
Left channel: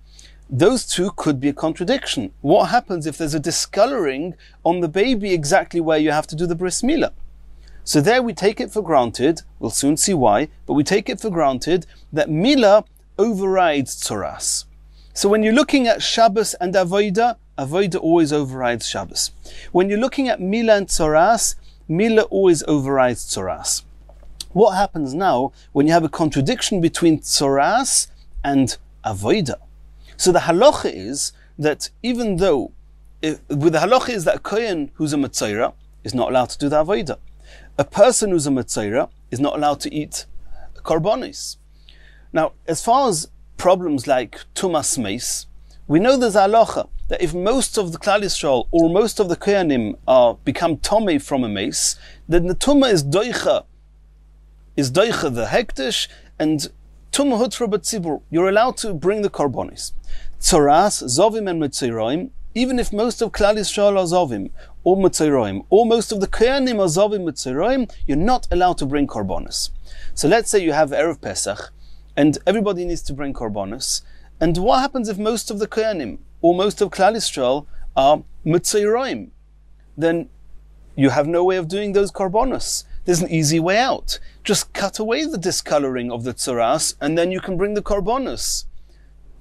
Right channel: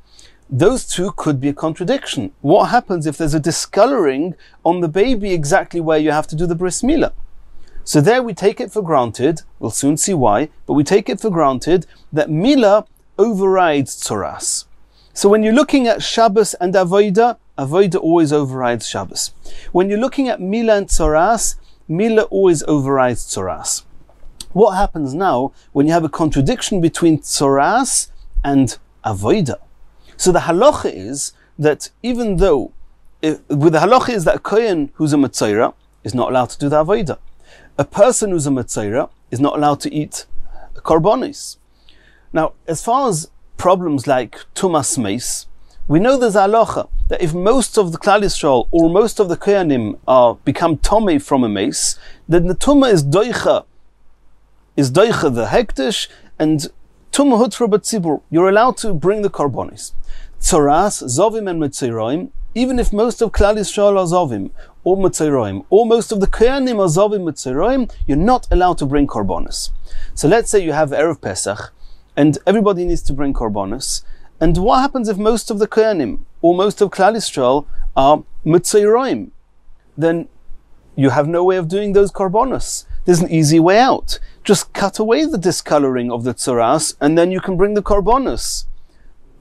Those 2 could be a contradiction. What happens if there's a discoloring on the baby exactly where you have to do the bris milah? So there we take it for granted, we'll soon see why, but we take it for granted that milah overrides tzoras. So when you're looking at Shabbos and avodah, avodah always overrides Shabbos. When you're looking at milah and tzoras, milah always overrides tzoras. What happens now when you have a contradiction between tzoras and avodah? So the halacha is that even though, the halacha is that a kohen who's a metzora is not allowed to do the avodah. A person who's a metzora is not allowed to eat korbanos. Now, as far as problems like tumas meis, we know there's a halacha that if most of the Klal Yisrael or most of the kohanim become tomei from a meis, then the tumah is doicha the hektish, and tumah hutra b'tzibur. You're allowed to bring the korbanos. Tzoras, zovim and metzoraim, even if most of Klal Yisrael are zovim or metzoraim, or most of the kohanim are zovim metzoraim, you're not allowed to bring korbanos. So let's say you have Erev Pesach, and everybody needs to bring korbanos. And what happens if most of the kohanim or most of Klal Yisrael are metzoraim? Then you have no way of doing those korbanos. There's an easy way out. Just cut away the discoloring of the tzoras, and then you can bring the korbanos.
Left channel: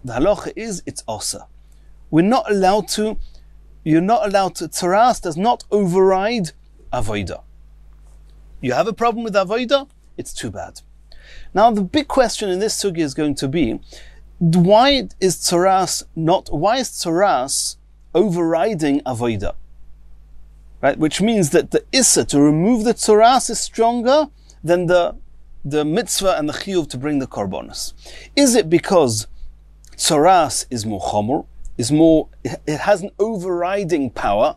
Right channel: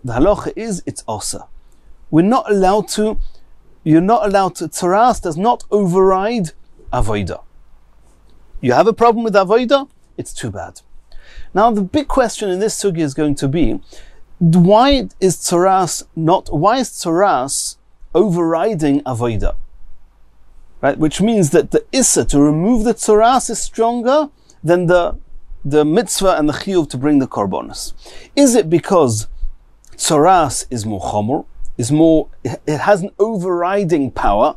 The halacha is it's osa. You're not allowed to, tzoras does not override avodah. You have a problem with avodah, it's too bad. Now the big question in this sugya is going to be, why is tzoras overriding avodah? Right? Which means that the issa to remove the tzoras is stronger than the mitzvah and the chiyuv to bring the korbanos. Is it because tzoras is more chomor, it has an overriding power?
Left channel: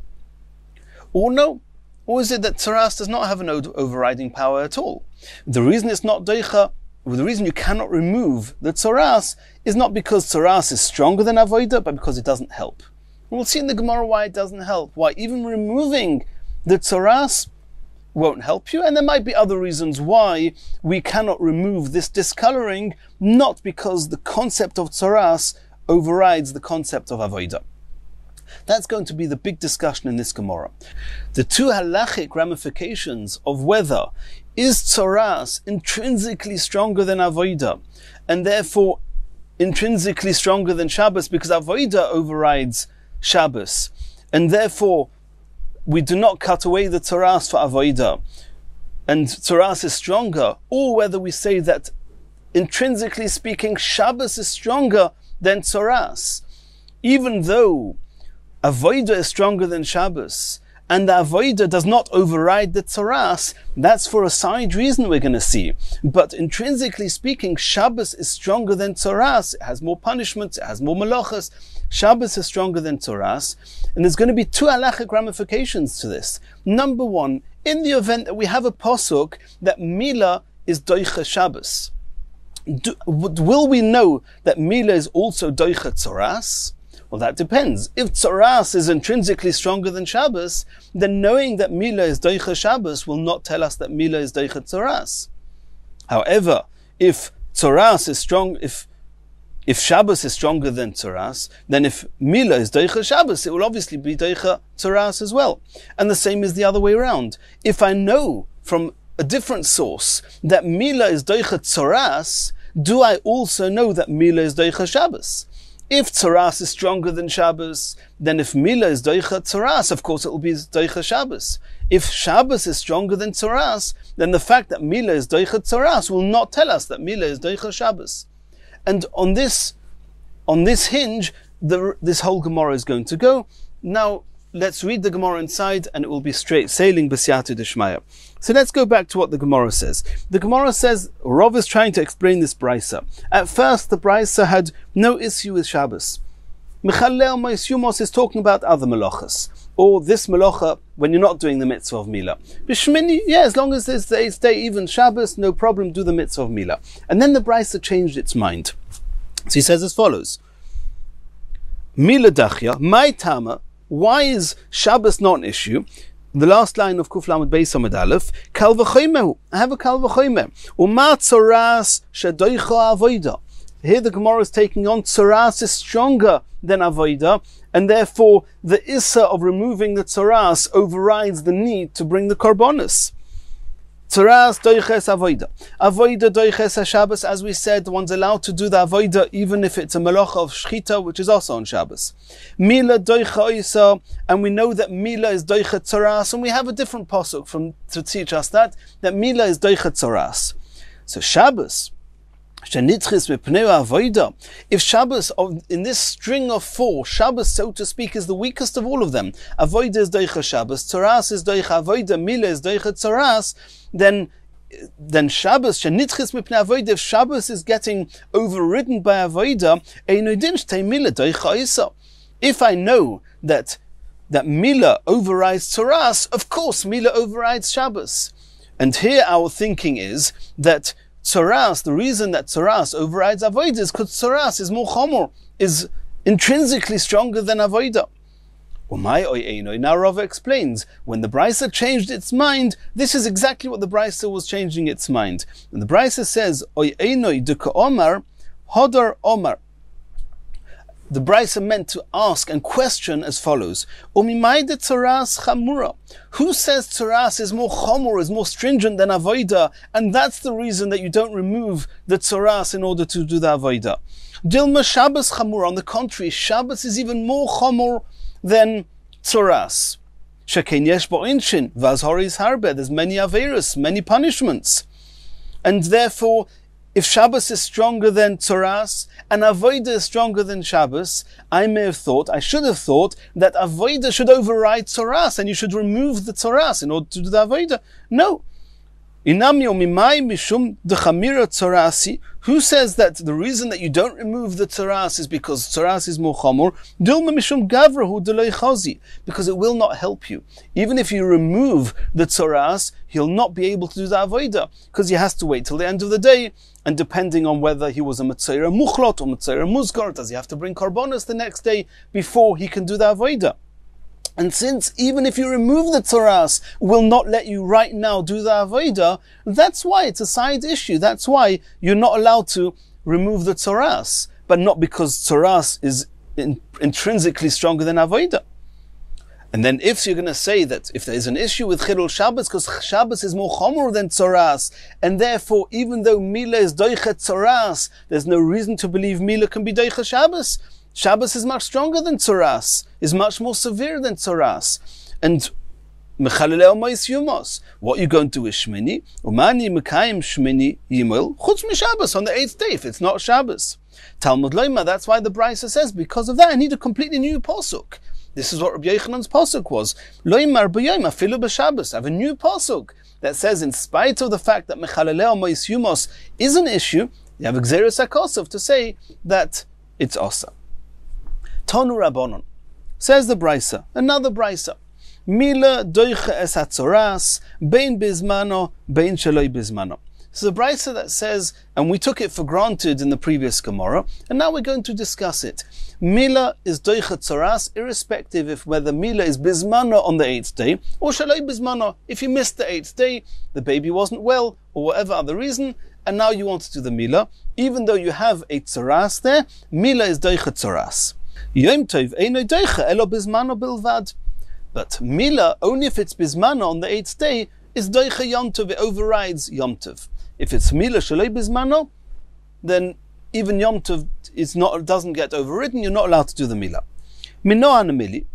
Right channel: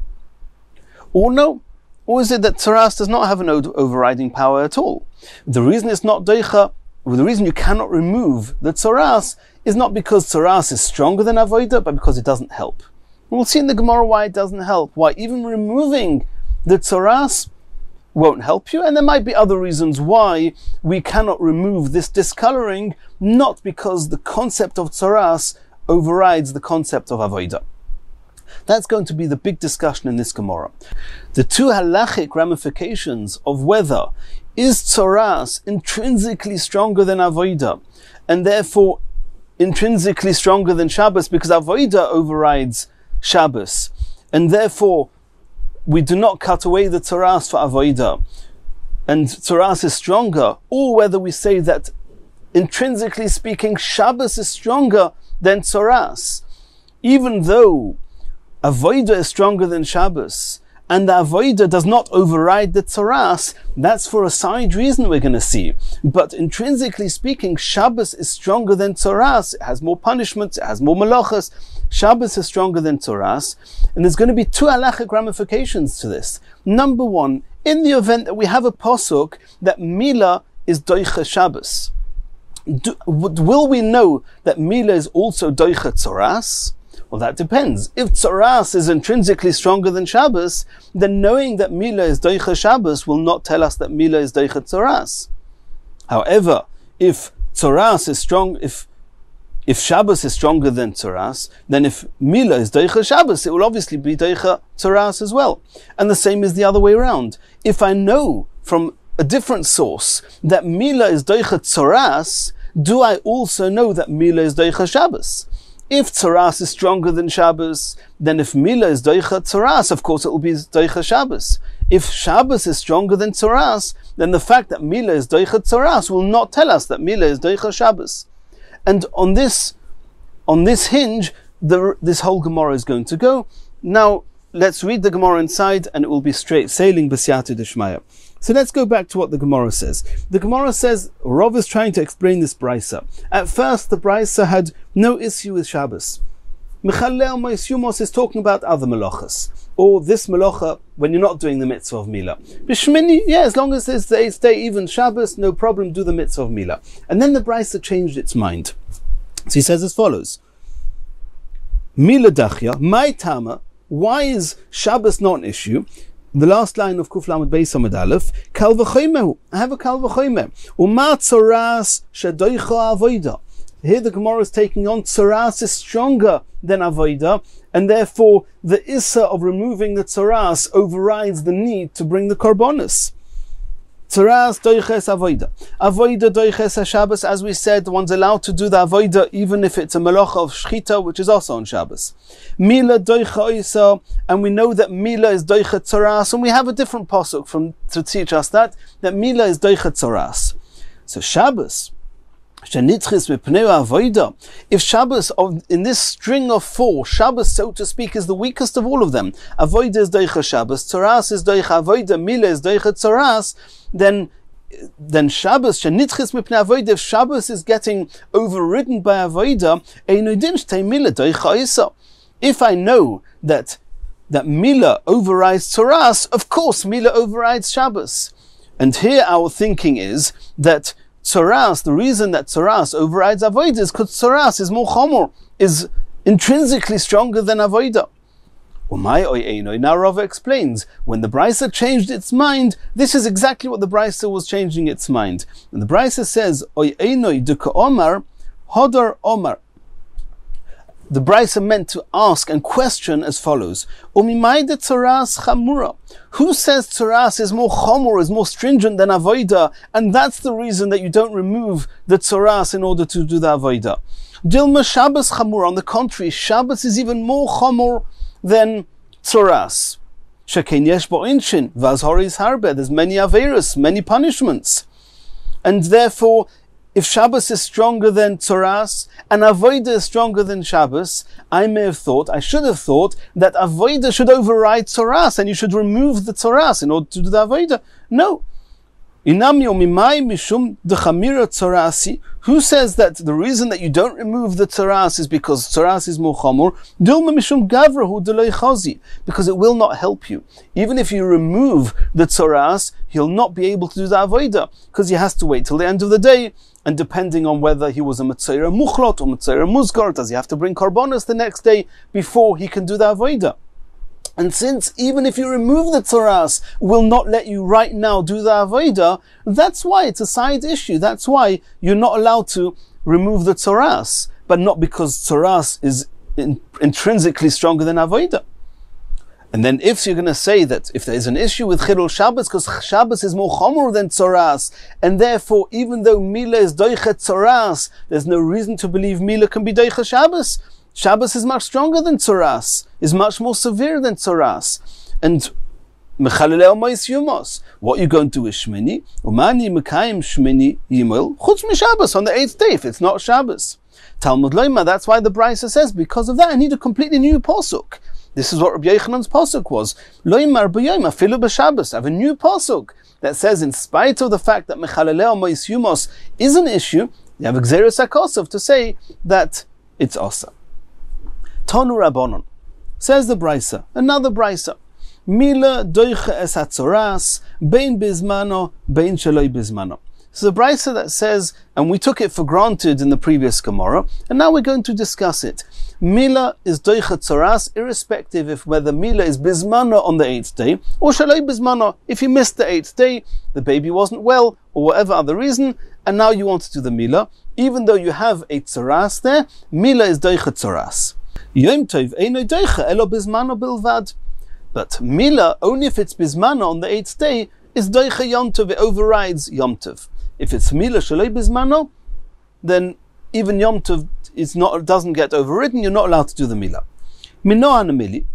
Or no? Or is it that tzoras does not have an overriding power at all? The reason it's not doicha, the reason you cannot remove the tzoras is not because tzoras is stronger than avodah, but because it doesn't help. We'll see in the Gemara why it doesn't help, why even removing the tzoras won't help you, and there might be other reasons why we cannot remove this discoloring, not because the concept of tzoras overrides the concept of avodah. That's going to be the big discussion in this Gemara. The two halachic ramifications of whether is tzoras intrinsically stronger than avodah, and therefore intrinsically stronger than Shabbos, because avodah overrides Shabbos, and therefore we do not cut away the tzoras for avodah, and tzoras is stronger, or whether we say that intrinsically speaking Shabbos is stronger than tzoras, even though avodah is stronger than Shabbos, and the avodah does not override the tzoras. That's for a side reason we're going to see. But intrinsically speaking, Shabbos is stronger than tzoras. It has more punishments, it has more malachas. Shabbos is stronger than tzoras. And there's going to be two halachic ramifications to this. Number one, in the event that we have a pasuk that Mila is doicha Shabbos, will we know that Mila is also doicha tzoras? Well, that depends. If tzoras is intrinsically stronger than Shabbos, then knowing that Mila is doicha Shabbos will not tell us that Mila is doicha tzoras. However, if tzoras is strong, if Shabbos is stronger than tzoras, then if Mila is doicha Shabbos, it will obviously be doicha tzoras as well. And the same is the other way around. If I know from a different source that Mila is doicha tzoras, do I also know that Mila is doicha Shabbos? If tzoras is stronger than Shabbos, then if Mila is doicha tzoras, of course it will be doicha Shabbos. If Shabbos is stronger than tzoras, then the fact that Mila is doicha tzoras will not tell us that Mila is doicha Shabbos. And on this hinge, this whole Gemara is going to go. Now, let's read the Gemara inside, and it will be straight sailing b'siyata d'shmaya. So let's go back to what the Gemara says. The Gemara says, Rav is trying to explain this brisa. At first, the brisa had no issue with Shabbos. Mechalel Moisyumos is talking about other melachas, or this melacha when you're not doing the mitzvah of Mila. B'shmini, yeah, as long as it's the 8th day, even Shabbos, no problem, do the mitzvah of Mila. And then the brisa changed its mind. So he says as follows: Mila dachya, my tama. Why is Shabbos not an issue? The last line of Kuf Lamed Beis Amud Aleph, Kal v'chomehu. I have a Kal v'chomeh. Uma tzoras shedoicha avoida. Here the Gemara is taking on tzoras is stronger than avoida, and therefore the issa of removing the tzoras overrides the need to bring the korbanos. Tzoras doiches avoida. Avoida doiches Shabbos, as we said, one's allowed to do the avoida even if it's a melacha of shchita, which is also on Shabbos. Mila doicha isa, and we know that Mila is doicha tzoras, and we have a different pasuk to teach us that Mila is doicha tzoras. So Shabbos, if Shabbos, in this string of 4, Shabbos, so to speak, is the weakest of all of them. Avoida is doicha Shabbos, tzoras is doicha avoida, Mila is doicha tzoras. Then Shabbos, if Shabbos is getting overridden by avoida, if I know that Mila overrides tzoras, of course Mila overrides Shabbos. And here our thinking is that tzoras, the reason that tzoras overrides avoida is because tzoras is more chomor, is intrinsically stronger than avoida. Now Rava explains, when the brisa changed its mind, this is exactly what the brisa was changing its mind. And the brisa says, Oy einoi duka omar, hodar omar. The brisa meant to ask and question as follows: Umimayde tzoras chamura. Who says tzoras is more chomor, is more stringent than avoida, and that's the reason that you don't remove the tzoras in order to do the avoida? Dilma Shabbos chamura. On the contrary, Shabbos is even more chomor than tzoras. Shekein yesh bo inshin, vazhori harbe. There's many averos, many punishments, and therefore, if Shabbos is stronger than tzoras and avoida is stronger than Shabbos, I should have thought that avoida should override tzoras, and you should remove the tzoras in order to do the avoida. No. Who says that the reason that you don't remove the tzoras is because tzoras is more chamor? Because it will not help you. Even if you remove the tzoras, he'll not be able to do the avoida, because he has to wait till the end of the day. And depending on whether he was a Metzora Muchlot or Metzora Muzgar, does he have to bring Karbonos the next day before he can do the Avodah? And since even if you remove the tzoras, will not let you right now do the avodah, that's why it's a side issue. That's why you're not allowed to remove the tzoras, but not because tzoras is intrinsically stronger than avodah. And then if you're going to say that if there's an issue with Chilul Shabbos, because Shabbos is more chomor than tzoras, and therefore even though Mila is doichet tzoras, there's no reason to believe Mila can be doichet Shabbos. Shabbos is much stronger than tzoras, is much more severe than tzoras. And Mechaleleo Mois Yumos, what you're going to do is Shmini, Umani Mekayim Shmini Yimel, Chutz MiShabbos, on the 8th day, if it's not Shabbos. Talmud Loima, that's why the Brisa says, because of that I need a completely new posuk. This is what Rabbi Yochanan's pasuk was. Loimar b'yom afilu b'Shabbos. I have a new pasuk that says, in spite of the fact that mechaleleo mois yumos is an issue, you have Gzeirus HaKosov to say that it's osa. Tonu Rabbanon, says the Brisa, another Brisa. Mila doiche es hatzoras, bein bizmano, bein sheloi bizmano. This is a Brisa that says, and we took it for granted in the previous Gemara, and now we're going to discuss it. Mila is doichet tzoras, irrespective of whether Mila is bizmano on the 8th day, or shaloi bizmano, if you missed the 8th day, the baby wasn't well, or whatever other reason, and now you want to do the Mila, even though you have a tzoras there, Mila is doichet tzoras. Yom tov eino doiche elo bizmano bilvad. But Mila, only if it's bizmano on the 8th day, is doiche Yom Tov, it overrides Yom Tov. If it's Mila shaloi bizmano, then even Yom Tov doesn't get overridden, you're not allowed to do the Mila. Minoan Mili.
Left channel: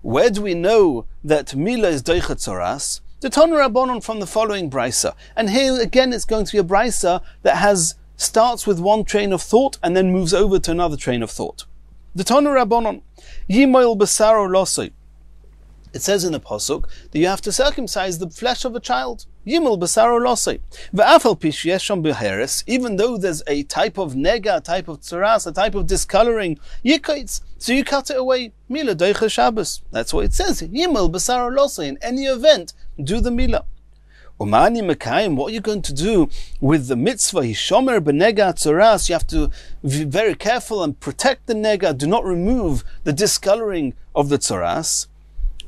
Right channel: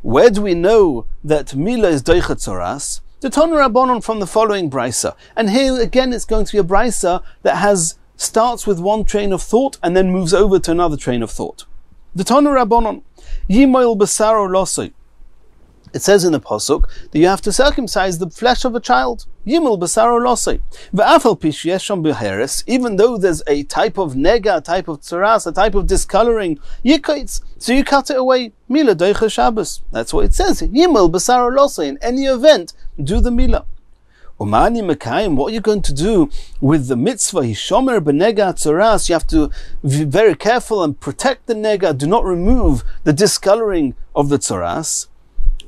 Where do we know that Mila is doichet tzoras? The Tonu Rabbanon from the following Brisa. And here again it's going to be a Brisa that starts with one train of thought and then moves over to another train of thought. The Tonu Rabbanon. Yimoil besaro losoi. It says in the pasuk that you have to circumcise the flesh of a child. Yimel basaro losei. Ve'afal pish yesham beheres. Even though there's a type of nega, a type of tzaras, a type of discoloring, yikaitz. So you cut it away. Mila doicha Shabbos. That's what it says. Yimel basaro losei. In any event, do the mila. Umani mekayim. What are you going to do with the mitzvah? Hishomer benega tzaras. You have to be very careful and protect the nega. Do not remove the discoloring of the tzaras.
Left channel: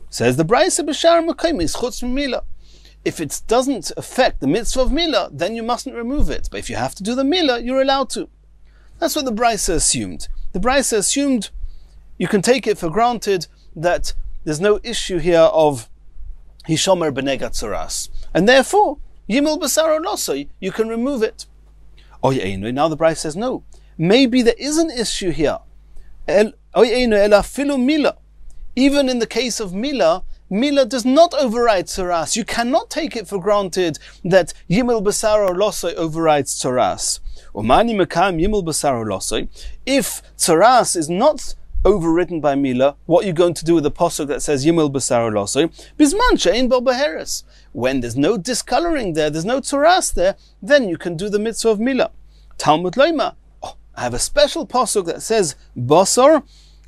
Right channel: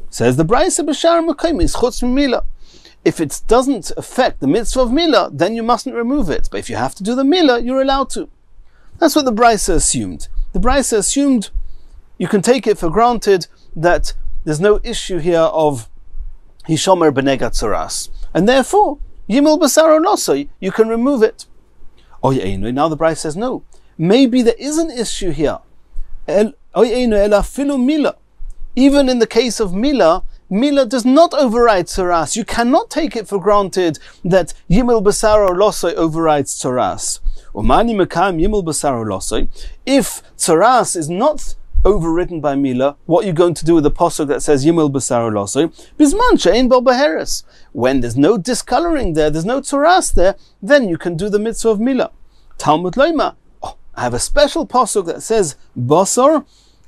Says the Brisa b'shar mekayim is chutz mila. If it doesn't affect the mitzvah of Mila, then you mustn't remove it. But if you have to do the Mila, you're allowed to. That's what the Brisa assumed. The Brisa assumed, you can take it for granted, that there's no issue here of Hishomer b'negat tzoras. And therefore, Yimel b'saro losoi, you can remove it. Now the Brisa says, no. Maybe there is an issue here. Mila. Even in the case of Mila, Mila does not override tzoras. You cannot take it for granted that Yimel Basaro Losoi overrides tzoras. Umani Mekam Yimel Basaro Losoi. If tzoras is not overridden by Mila, what are you going to do with the pasuk that says Yimel Basaro Losoi? Bisman she'ein bo beheres. When there's no discoloring there, there's no tzoras there, then you can do the mitzvah of Mila. Talmud Loima. I have a special pasuk that says Basar,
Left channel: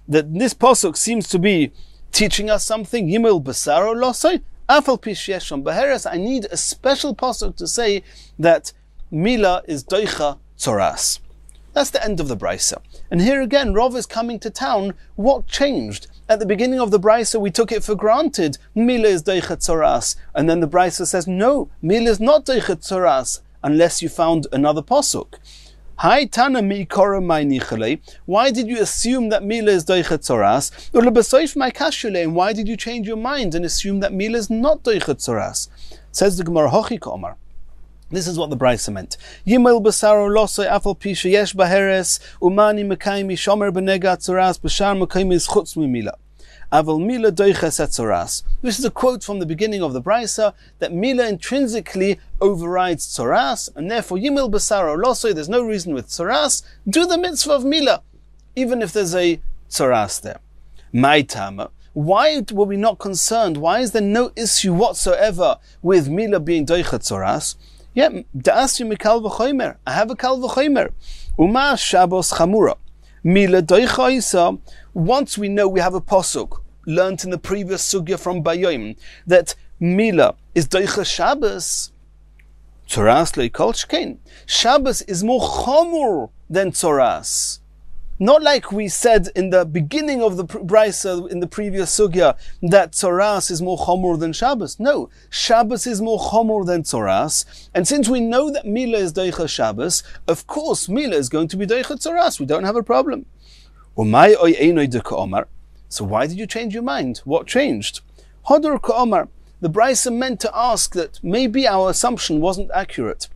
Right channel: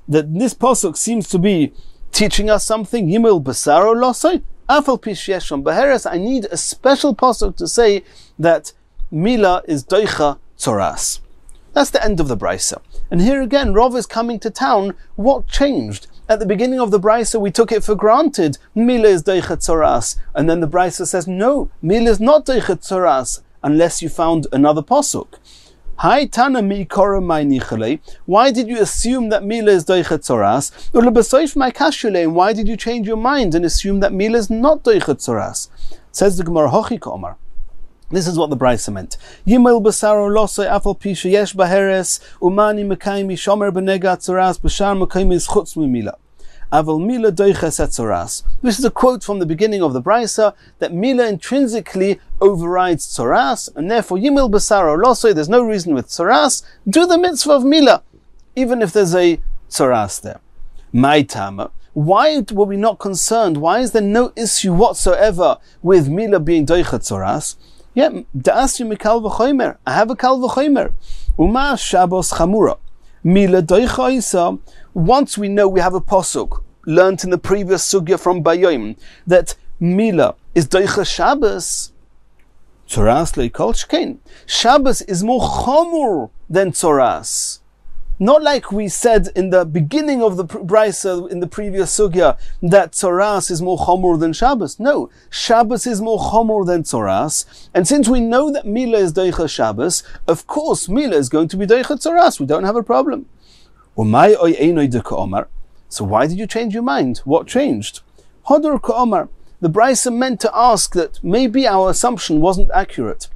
that this pasuk seems to be teaching us something. Yimel basaro losoi afal pish yesham beheres. I need a special pasuk to say that Mila is doicha tzoras. That's the end of the Brisa. And here again, Rav is coming to town. What changed? At the beginning of the Brisa, we took it for granted. Mila is doicha tzoras. And then the Brisa says, no, Mila is not doicha tzoras, unless you found another pasuk. Hi Tana mi kora mai nichale. Why did you assume that Mila is doichet tzoras? Or lebesoif mai kashule. And why did you change your mind and assume that Mila is not doichet tzoras? Says the Gemara Hochi Komar. This is what the Brisa meant. Yimel basaro losoi afal pisha yesh baheres umani mekaymi shomer benega tzoras b'shar mekaymi is chutz mi Mila. Aval Mila doiches et tzoras. This is a quote from the beginning of the Brisa that Mila intrinsically overrides tzoras, and therefore Yimil basaro losoi. There's no reason with tzoras. Do the mitzvah of Mila, even if there's a tzoras there. My tama. Why were we not concerned? Why is there no issue whatsoever with Mila being doichet tzoras? Yeah, da'asyu mikal v'chomer. I have a kal v'chomer. Uma Shabbos chamura. Mila doicha isa. Once we know we have a pasuk learnt in the previous sugya from Bayom that Mila is doicha Shabbos, tzoras leikol shkein. Shabbos is more chomur than tzoras. Not like we said in the beginning of the Brisa in the previous sugya that tzoras is more chomur than Shabbos. No, Shabbos is more chomur than tzoras. And since we know that Mila is doicha Shabbos, of course Mila is going to be doicha tzoras. We don't have a problem. Umay oy einoy de ka'omar. So why did you change your mind? What changed? Hodor ka'omar. The Brisa meant to ask that maybe our assumption wasn't accurate.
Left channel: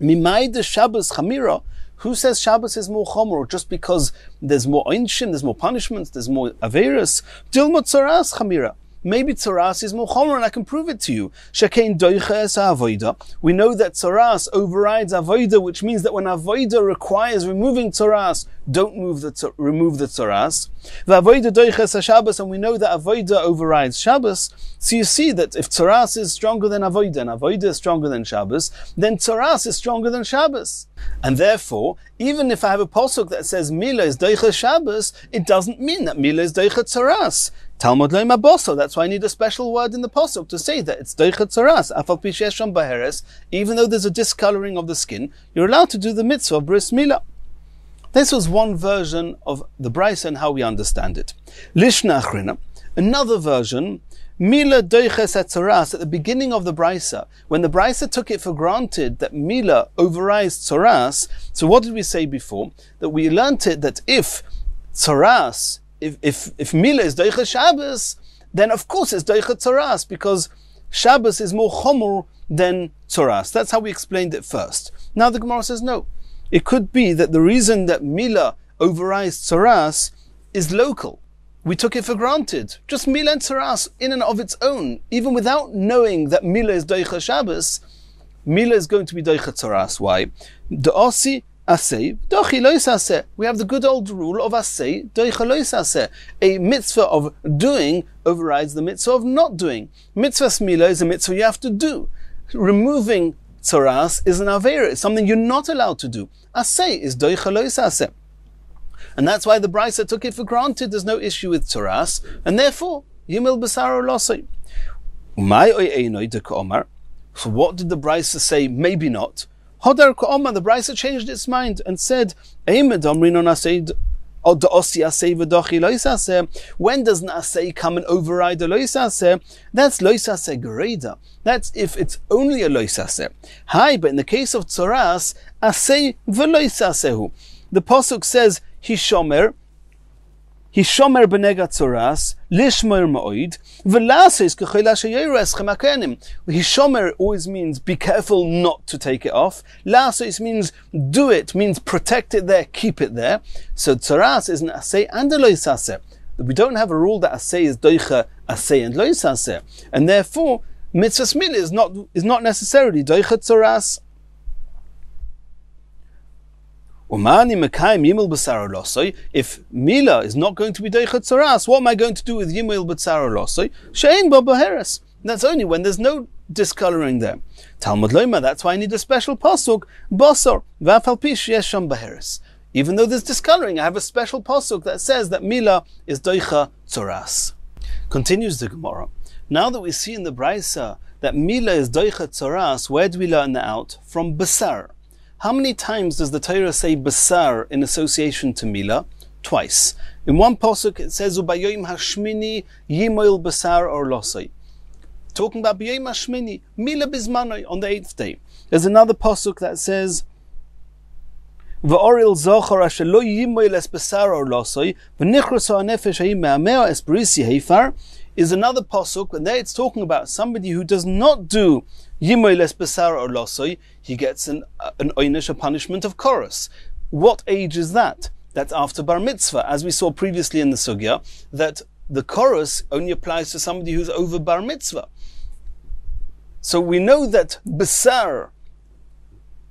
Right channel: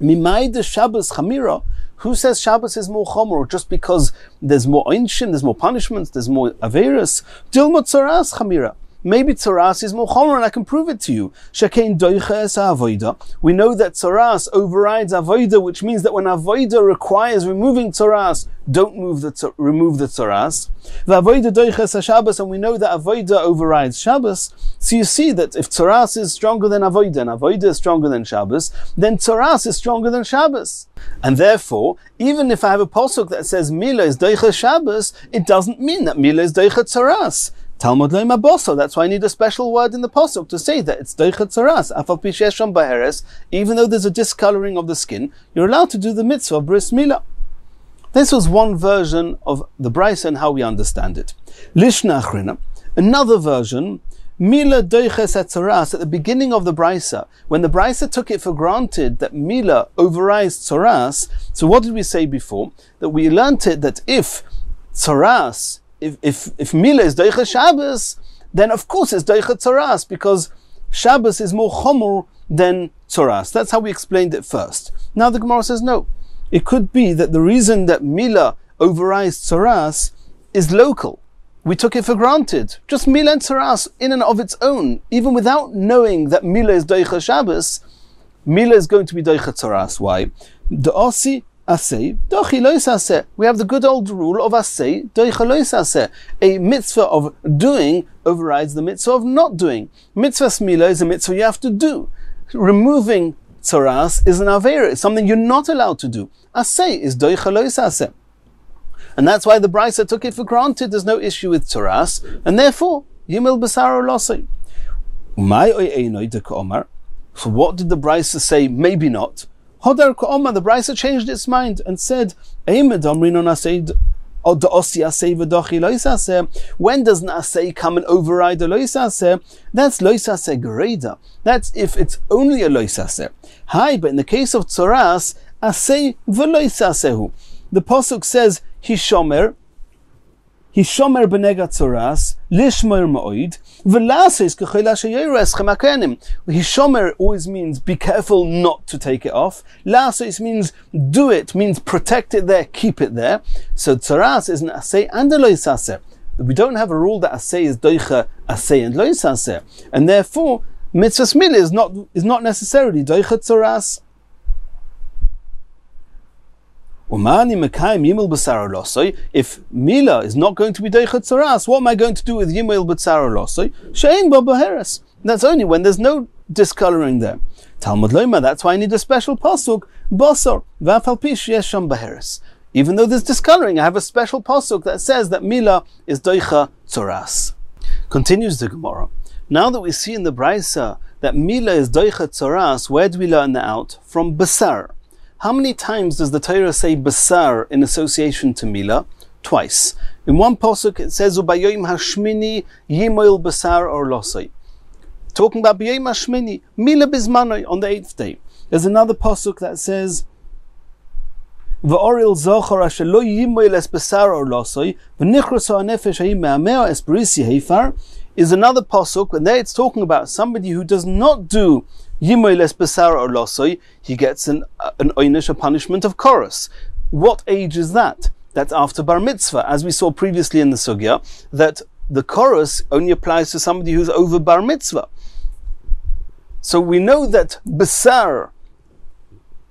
Mimay de Shabbos chamira. Who says Shabbos is more chomer just because there's more einshin, there's more punishments, there's more averis? Dilmot tzaras chamira. Maybe tzaras is more chomer, and I can prove it to you. Shekein doicha es avoida. We know that tzaras overrides avoida, which means that when avoida requires removing tzaras, don't remove the tzaras. V'avoida doicha es Shabbos, and we know that avoida overrides Shabbos. So you see that if tzaras is stronger than avoida, and avoida is stronger than Shabbos, then tzaras is stronger than Shabbos. And therefore, even if I have a pasuk that says Mila is doicha Shabbos, it doesn't mean that Mila is doicha tzaras. Tלמוד לא מבוסו. That's why I need a special word in the pasuk to say that it's doicha tzaras. Afal pi sheyesh sham baheres. Even though there's a discoloring of the skin, you're allowed to do the mitzvah of bris milah. This was one version of the Brisa and how we understand it. Lishna achrina. Another version. Mila doiches tzaras at the beginning of the Brisa, when the Brisa took it for granted that Mila overrides tzaras. So what did we say before? That we learnt it that if tzaras, if Mila is doiches Shabbos, then of course it's doiches tzaras because Shabbos is more chomer than tzaras. That's how we explained it first. Now the Gemara says no. It could be that the reason that Mila overrides tzaras is local. We took it for granted. Just Mila and tzaras in and of its own, even without knowing that Mila is doicha Shabbos, Mila is going to be doicha tzaras. Why? Da'asi aseh, dochi lo yisaseh. We have the good old rule of aseh, doicha lo yisaseh. A mitzvah of doing overrides the mitzvah of not doing. Mitzvah Mila is a mitzvah you have to do. Removing tzaras is an avera. It's something you're not allowed to do. Aseh is doicha lo yisaseh. And that's why the Brisa took it for granted there's no issue with tzaras, and therefore, Yimil Basar Losai. Umay oy einoy de ka'omar. So what did the Brisa say? Maybe not. Hodar ka'omar, the Brisa changed its mind and said, when does an asay come and override a loisaseh? That's loisaseh gereda. That's if it's only a loisaseh. Hi, but in the case of tzaras, asay v'loisasehu. The pasuk says, Hishomer benega tzaras, lishmer ma'oid, v'lases k'chayla sheyeres chemakenim. Hishomer always means be careful not to take it off. Lases means do it, means protect it there, keep it there. So tzaras is an asay and a loisaseh. We don't have a rule that asay is doicha asay and loisaseh, and therefore mitzvah mila is not necessarily doicha tzaras. If Mila is not going to be doicha tzaras, what am I going to do with Yimil b'tzara losoi? She'ein bo baheres. That's only when there's no discoloring there. Talmud loima. That's why I need a special pasuk. Bosor v'afal pi sheyesh sham baheres. Even though there's discoloring, I have a special pasuk that says that Mila is doicha tzaras. Continues the Gemara. Now that we see in the Brisa that Mila is doicha tzaras, where do we learn that out? From basar. How many times does the Torah say basar in association to Mila? Twice. In one pasuk it says ubayom hashmini yimoil basar or losai. Talking about bayom hashmini, Mila bizmanoi on the 8th day. There's another pasuk that says v'oril zochar asher lo yimoil es basar or losai v'nichroso hanefesh hayim me'ameo es brisi heifar. Is another pasuk, and there it's talking about somebody who does not do Yimoy les Besar or Losoi, he gets an oynish, a punishment of chorus. What age is that? That's after bar mitzvah, as we saw previously in the sugya, that the chorus only applies to somebody who's over bar mitzvah. So we know that Besar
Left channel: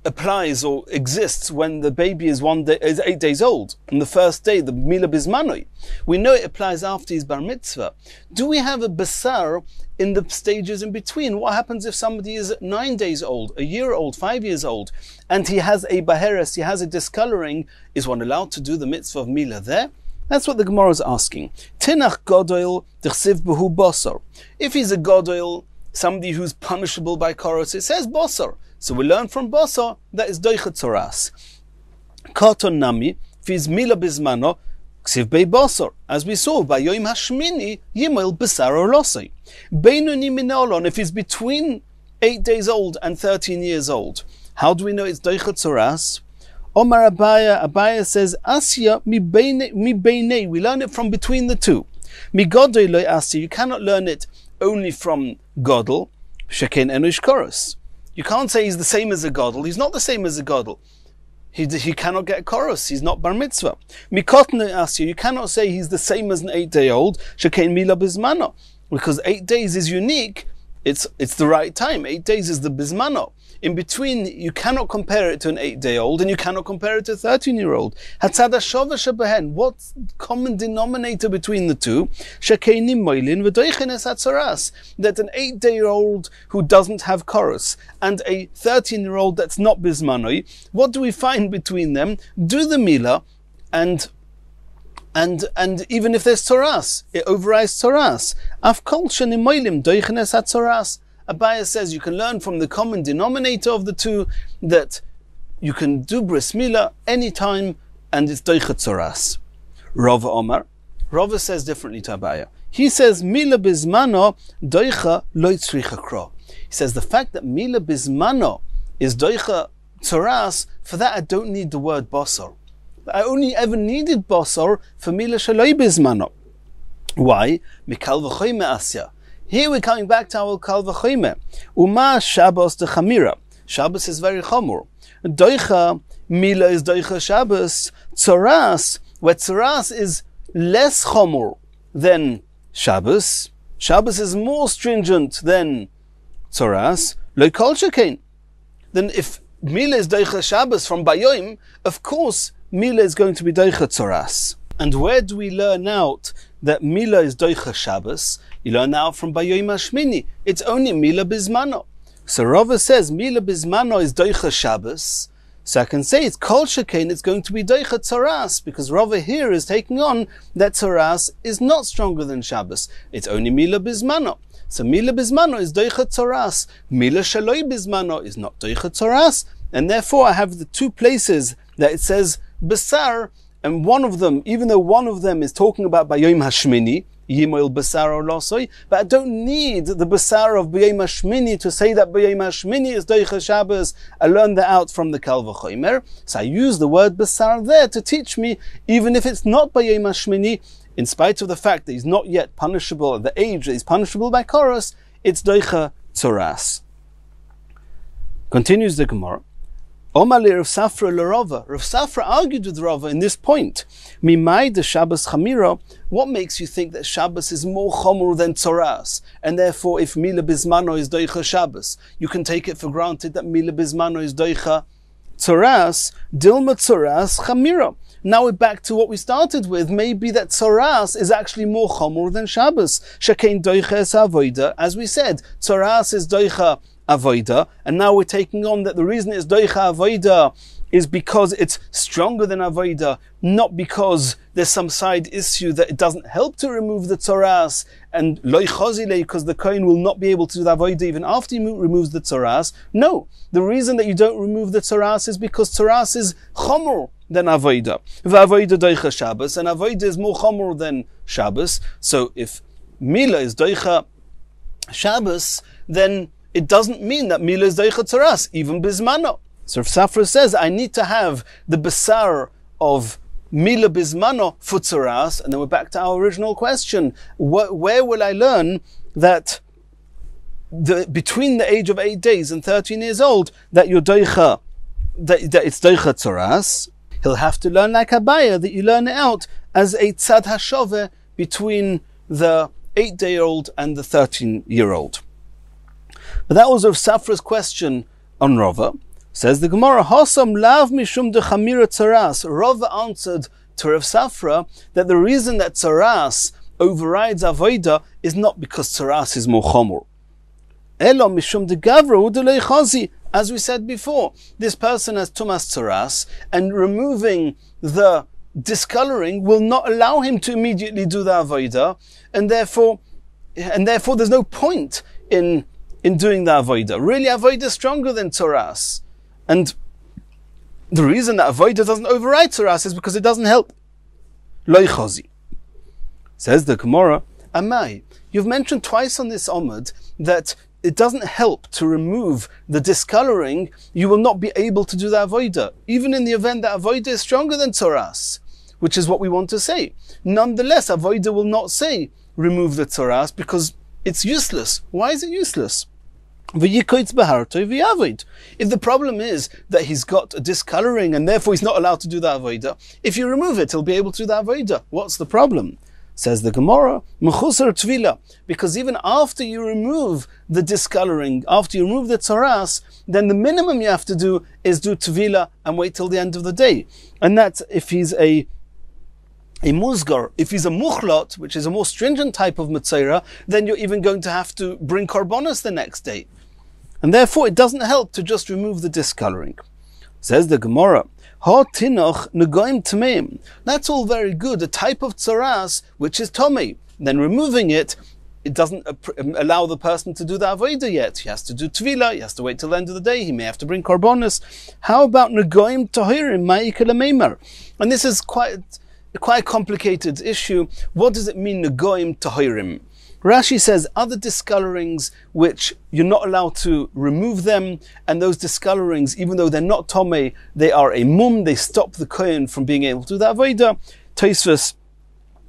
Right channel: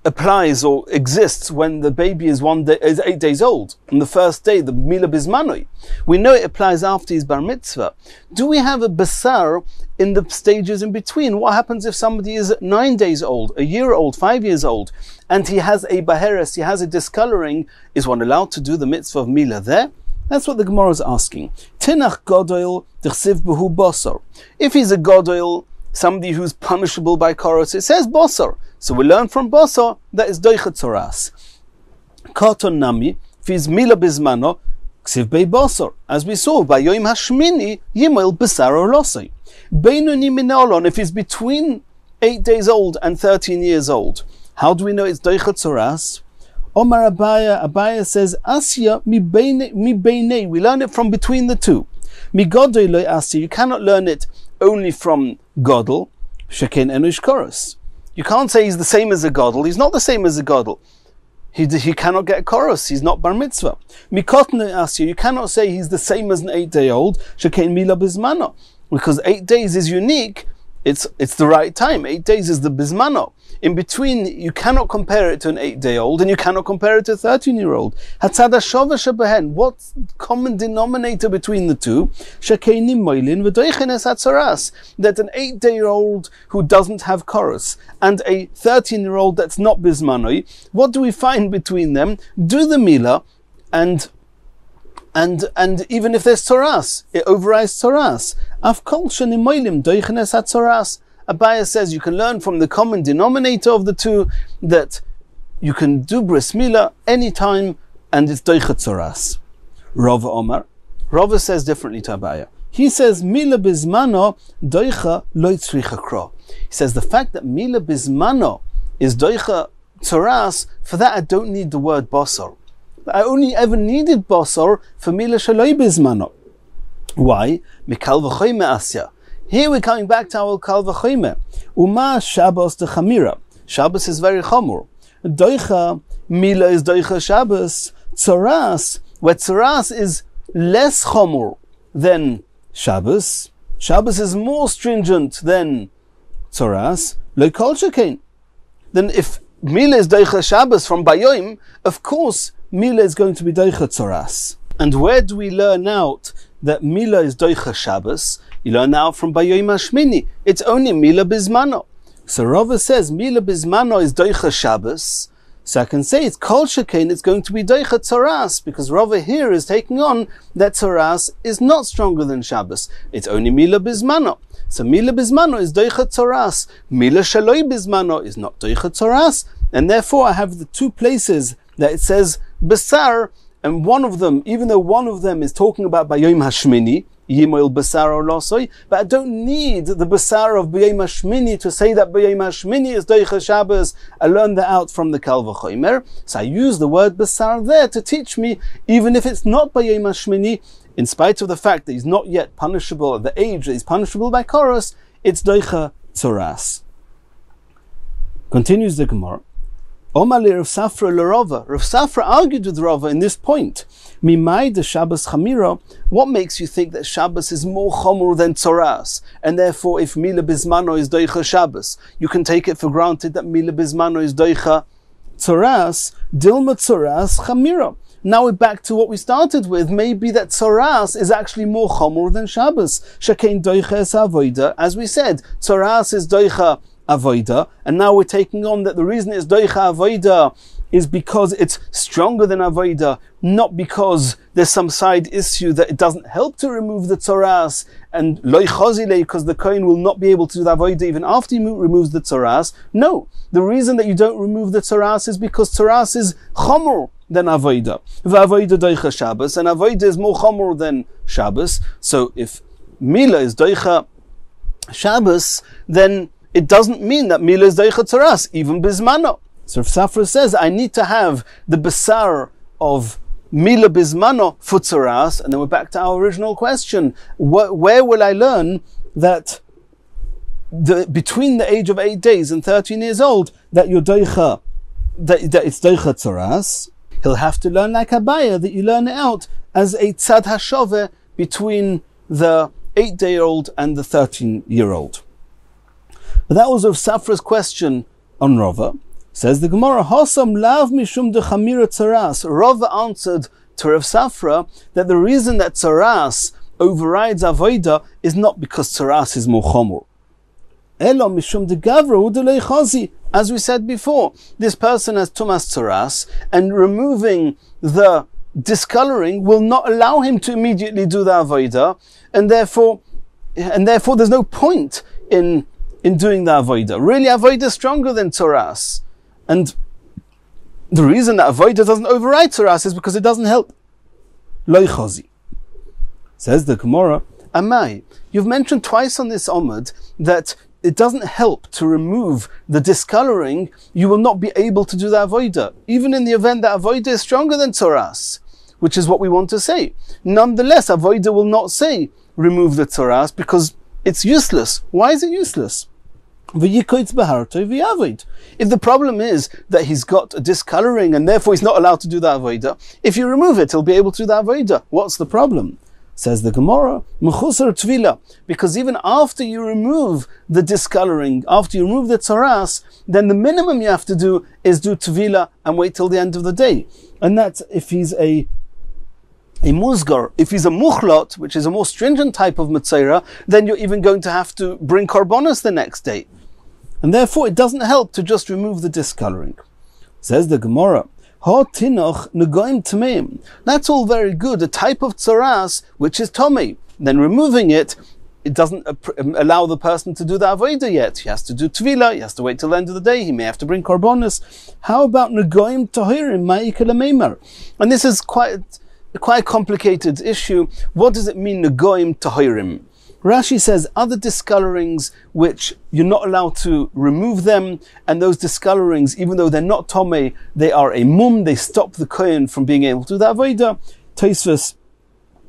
applies or exists when the baby is 8 days old. On the first day, the Mila Bizmanoi. We know it applies after his bar mitzvah. Do we have a Basar in the stages in between? What happens if somebody is 9 days old, a year old, 5 years old, and he has a Baheres, he has a discoloring? Is one allowed to do the mitzvah of Mila there? That's what the Gemara is asking. Tinach Godoil Dichsiv Behu Bosor. If he's a Godoil, somebody who's punishable by chorus, it says Bosor. So we learn from Bosor that is doicha tzaras. Karton nami, if he's Mila Bizmano, ksiv bei Bosor. As we saw, by Yom Hashmini, Yimel Besar or Losai. Beinuni Minolon, if he's between 8 days old and 13 years old. How do we know it's doicha tzaras? Omar Abaya says, Asya mi beinei. We learn it from between the two. Mi godoi lo asya. You cannot learn it only from Godel. Sheken enosh chorus. You can't say he's the same as a Godel. He's not the same as a Godel. He cannot get a chorus. He's not bar mitzvah. Mikotne asya. You cannot say he's the same as an 8-day-old. Sheken mila bizmano. Because 8 days is unique. It's the right time. 8 days is the bizmano. In between, you cannot compare it to an 8-day-old, and you cannot compare it to a 13-year-old. Hatzada shova shebehen. What's the common denominator between the two? Shekeini moilin v'doichenes hatzoras. That an 8-day-old who doesn't have chorus and a 13-year-old that's not bismanoi. What do we find between them? Do the milah, and even if there's tzoras, it overrides tzoras. Afkol shenimoilim doichenes hatzoras. Abaya says you can learn from the common denominator of the two that you can do bris milah anytime and it's doichet tzoras. Rava Omar. Rava says differently to Abaya. He says milah bizmano doicha lo tzricha kro. He says the fact that milah bizmano is doicha tzoras, for that I don't need the word basar. I only ever needed basar for milah shaloi bizmano. Why? Mikal v'choyme asya. Here we're coming back to our kal v'choyme. Uma Shabbos de chamira. Shabbos is very chamur. Doicha milah is doicha Shabbos. Tzoras, where tzoras is less chamur than Shabbos. Shabbos is more stringent than tzoras. Lo kol shekein. Then if milah is doicha Shabbos from Bayoim, of course milah is going to be doicha tzoras. And where do we learn out that milah is doicha Shabbos? You learn out from Bayoim Hashmini. It's only milah bizmano. So Rava says milah bizmano is doicha Shabbos. So I can say it's kol shekein, it's going to be doicha tzoras, because Rava here is taking on that tzoras is not stronger than Shabbos. It's only milah bizmano. So milah bizmano is doicha tzoras. Milah shaloi bizmano is not doicha tzoras. And therefore I have the two places that it says besar, and one of them, even though one of them is talking about Bayoim Hashmini, Yimoil Basar or Losoi, but I don't need the Basar of Bayoim Hashmini to say that Bayoim Hashmini is Doicha Shabbos. I learned that out from the Kal V'chomer. So I use the word Basar there to teach me, even if it's not Bayoim Hashmini, in spite of the fact that he's not yet punishable at the age that he's punishable by Chorus, it's Doicha Tzoras. Continues the Gemara. Omali Rav Safra l'Rava. Rav Safra argued with Rava in this point. Mimai de Shabbos chamira. What makes you think that Shabbos is more chomur than tzoras? And therefore, if milah bizmano is doicha Shabbos, you can take it for granted that milah bizmano is doicha tzoras. Dilma tzoras chamira. Now we're back to what we started with. Maybe that tzoras is actually more chomur than Shabbos. Shekein doicha es avoida. As we said, tzoras is doicha avoida, and now we're taking on that the reason it's doicha avoida is because it's stronger than avoida, not because there's some side issue that it doesn't help to remove the tzoras, and loy chozile, because the kohen will not be able to do the avoida even after he removes the tzoras. No, the reason that you don't remove the tzoras is because tzoras is chomor than avoida. V'avoida doicha Shabbos, and avoida is more chomor than Shabbos. So if milah is doicha Shabbos, then it doesn't mean that milah is doicha tzoras, even bizmano. So if Safra says, I need to have the besar of milah bizmano for tzoras, and then we're back to our original question. Where will I learn that between the age of 8 days and 13 years old, that you're doicha, that it's doicha tzoras? He'll have to learn like Abaya, that you learn it out as a tzad hashove between the 8-day-old and the 13-year-old. But that was Rav Safra's question on Rava. Says the Gemara, Hosam lav mishum de chamira tzaras. Rava answered to Rav Safra that the reason that tzaras overrides avoida is not because tzaras is more chomor. Elo mishum de gavra udelei chazi. As we said before, this person has tumas tzaras, and removing the discoloring will not allow him to immediately do the avoida, and therefore there's no point in doing the avoida. Really, avoida is stronger than tzoras. And the reason that avoida doesn't override tzoras is because it doesn't help. Loi chozi. Says the Gemara, Amai, you've mentioned twice on this Omud that it doesn't help to remove the discoloring, you will not be able to do the avodah, even in the event that avodah is stronger than tzoras, which is what we want to say. Nonetheless, avodah will not say remove the tzoras because it's useless. Why is it useless? If the problem is that he's got a discoloring and therefore he's not allowed to do the avodah, if you remove it, he'll be able to do the avodah. What's the problem? Says the Gemara, Mechusar tvila, because even after you remove the discoloring, after you remove the tzoras, then the minimum you have to do is do tvila and wait till the end of the day. And that's if he's a musgar. If he's a muchlot, which is a more stringent type of metzora, then you're even going to have to bring korbanos the next day. And therefore it doesn't help to just remove the discoloring. Says the Gemara, that's all very good, a type of tzoras which is tomei. Then removing it, it doesn't allow the person to do the avodah yet. He has to do tvila, he has to wait till the end of the day, he may have to bring korbanos. How about negoim tahirim ma'ikal meimer? And this is quite a complicated issue. What does it mean, negoim tahirim? Rashi says other discolorings which you're not allowed to remove them, and those discolorings, even though they're not tomei, they are a mum, they stop the kohen from being able to do the avodah. Tosfos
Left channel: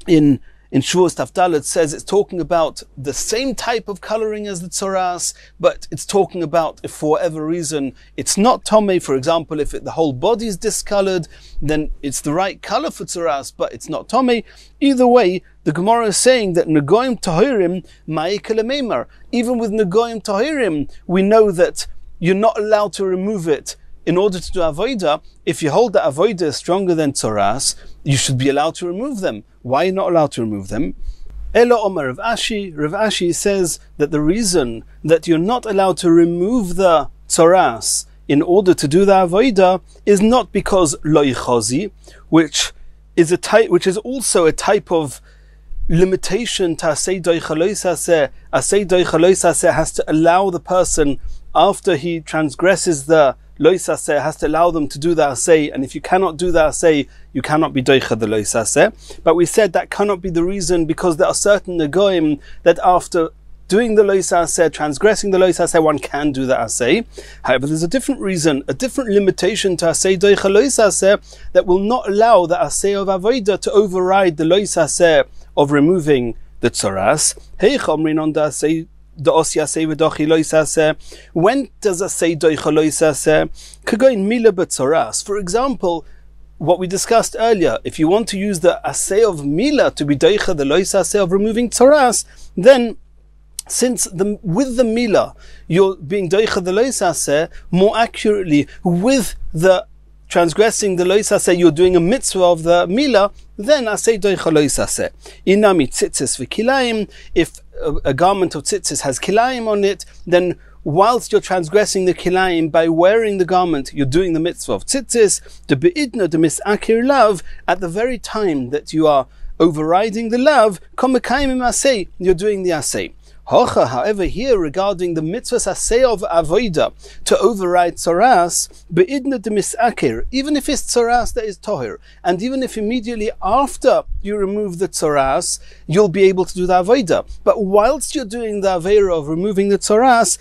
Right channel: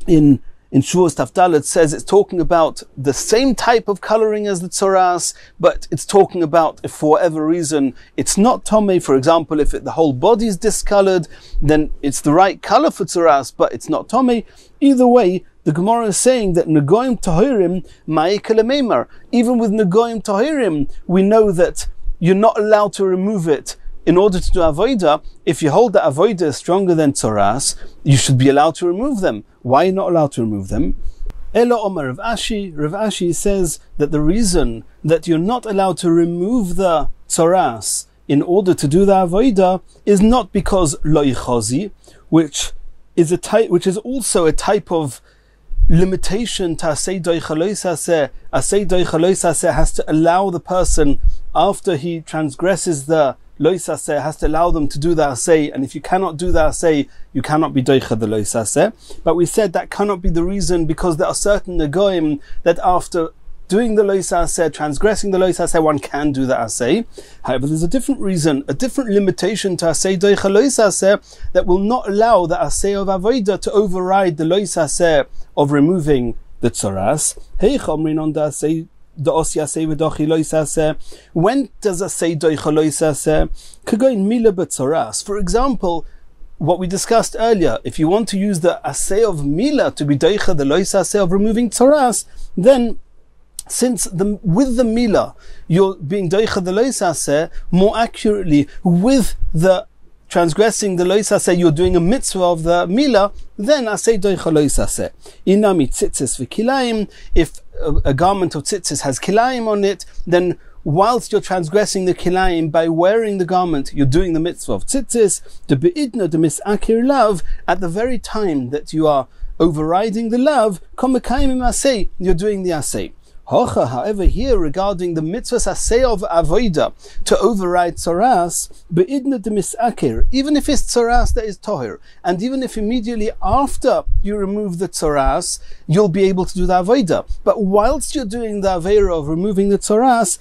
in Shavuos Tafdalet says it's talking about the same type of coloring as the tzoras, but it's talking about if for whatever reason it's not tomei. For example, if the whole body is discolored, then it's the right color for tzoras, but it's not tomei. Either way, the Gemara is saying that negoim tahirim ma'ikal meimer. Even with negoim tahirim, we know that you're not allowed to remove it in order to do avodah. If you hold that avodah is stronger than tzoras, you should be allowed to remove them. Why are you not allowed to remove them? Elo Omer Rav Ashi. Rav Ashi says that the reason that you're not allowed to remove the tzoras in order to do the avodah is not because lo yichozi, which is also a type of limitation to asay doicha lo yisaseh. Asay doicha lo yisaseh has to allow the person, after he transgresses the lo yisaseh, has to allow them to do the asay, and if you cannot do the asay, you cannot be doicha the lo yisaseh. But we said that cannot be the reason, because there are certain negoim that after doing the lo yisaseh, transgressing the lo yisaseh, one can do the asay. However, there's a different reason, a different limitation to asay doicha lo yisaseh that will not allow the asay of avodah to override the lo yisaseh of removing the tzoras. When does asay doicha lo yisaseh? Kagoin mila b'tzoras. For example, what we discussed earlier, if you want to use the asay of mila to be doicha the lo yisaseh of removing tzoras, then since with the mila you're being doicha the lo yisaseh, more accurately with the transgressing the lo yisaseh, you're doing a mitzvah of the mila, then asay doicha lo yisaseh. Inami tzitzis v'kilayim, if a garment of tzitzis has kilayim on it, then whilst you're transgressing the kilayim by wearing the garment, you're doing the mitzvah of tzitzis. The be'idna the misakir lav, at the very time that you are overriding the lav, komekayim asay, you're doing the asay. However, here regarding the mitzvahs asay of avodah to override tzoras, be'idna de misakir, even if it's tzoras that is tohir, and even if immediately after you remove the tzoras, you'll be able to do the avodah. But whilst you're doing the avera of removing the tzoras,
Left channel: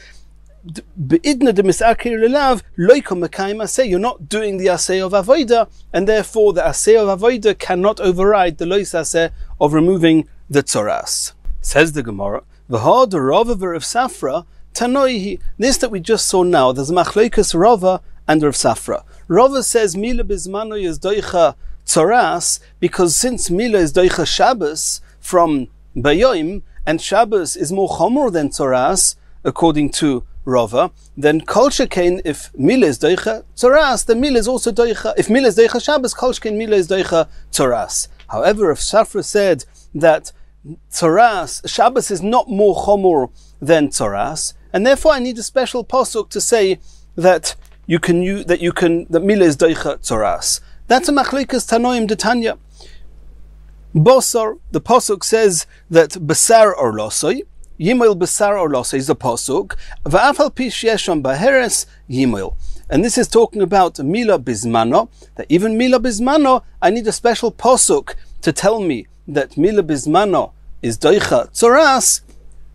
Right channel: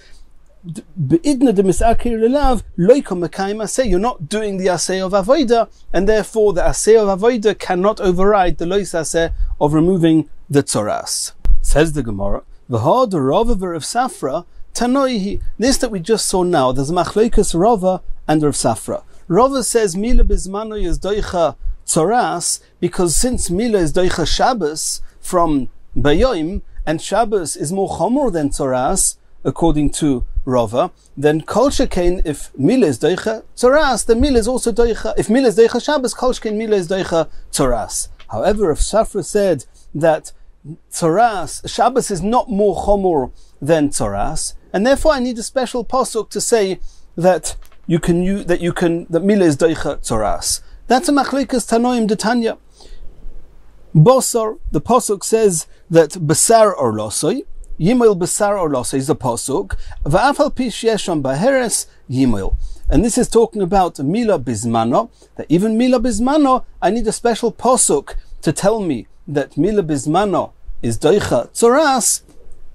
be'idna de misakir lelav loikom mekayim asay, you're not doing the asay of avodah, and therefore the asay of avodah cannot override the lo yisaseh of removing the tzoras. Says the Gemara, V'had Rava v'Rav Safra tanoihi. This that we just saw now, there's a machlokes Rava and Rav Safra. Rava says mila bizmano is doicha tzoras, because since mila is doicha Shabbos from Bayoim, and Shabbos is more chomor than tzoras, according to Rava, then kol shekain, if mila is doicha tzoras, then mila is also doicha. If mila is doicha Shabbos, kol shekain mila is doicha tzoras. However, Rav Safra said that tzoras, Shabbos is not more chomor than tzoras, and therefore I need a special pasuk to say that that mila is doicha tzoras. That's a machlokes tanoim detanya. Bosor, the pasuk says that basar or losoi, yimil basar or losoi is the pasuk. Va'afal pi sheyesham baheres yimil. And this is talking about mila bizmano, that even mila bizmano, I need a special pasuk to tell me that mila bizmano is doicha tzoras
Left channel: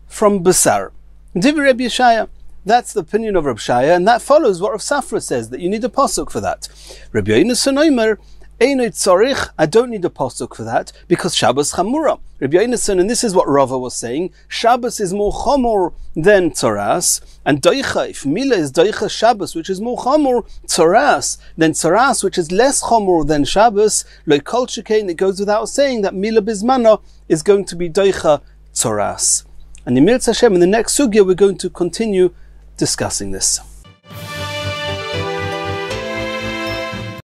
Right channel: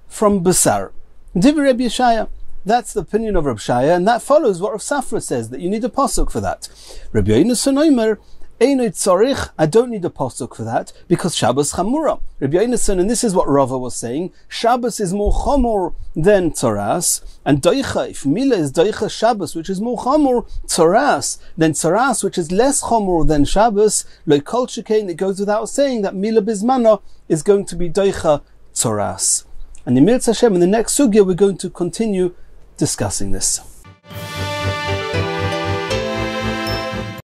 from basar. Divrei Rabbi Yeshaya. That's the opinion of Rabbi Shaya, and that follows what Rav Safra says, that you need a pasuk for that. Rabbi Yonasan Omer, Eino tzarich, I don't need a pasuk for that, because Shabbos chamura. Rabbi Yonasan, and this is what Rava was saying, Shabbos is more chamur than tzaras, and doicha, if Mila is doicha Shabbos, which is more chamur, tzaras, then tzaras, which is less chamur than Shabbos, lo kol shekain, it goes without saying that Mila bizmana is going to be doicha tzaras. And in Mirz Hashem, in the next sugya, we're going to continue discussing this.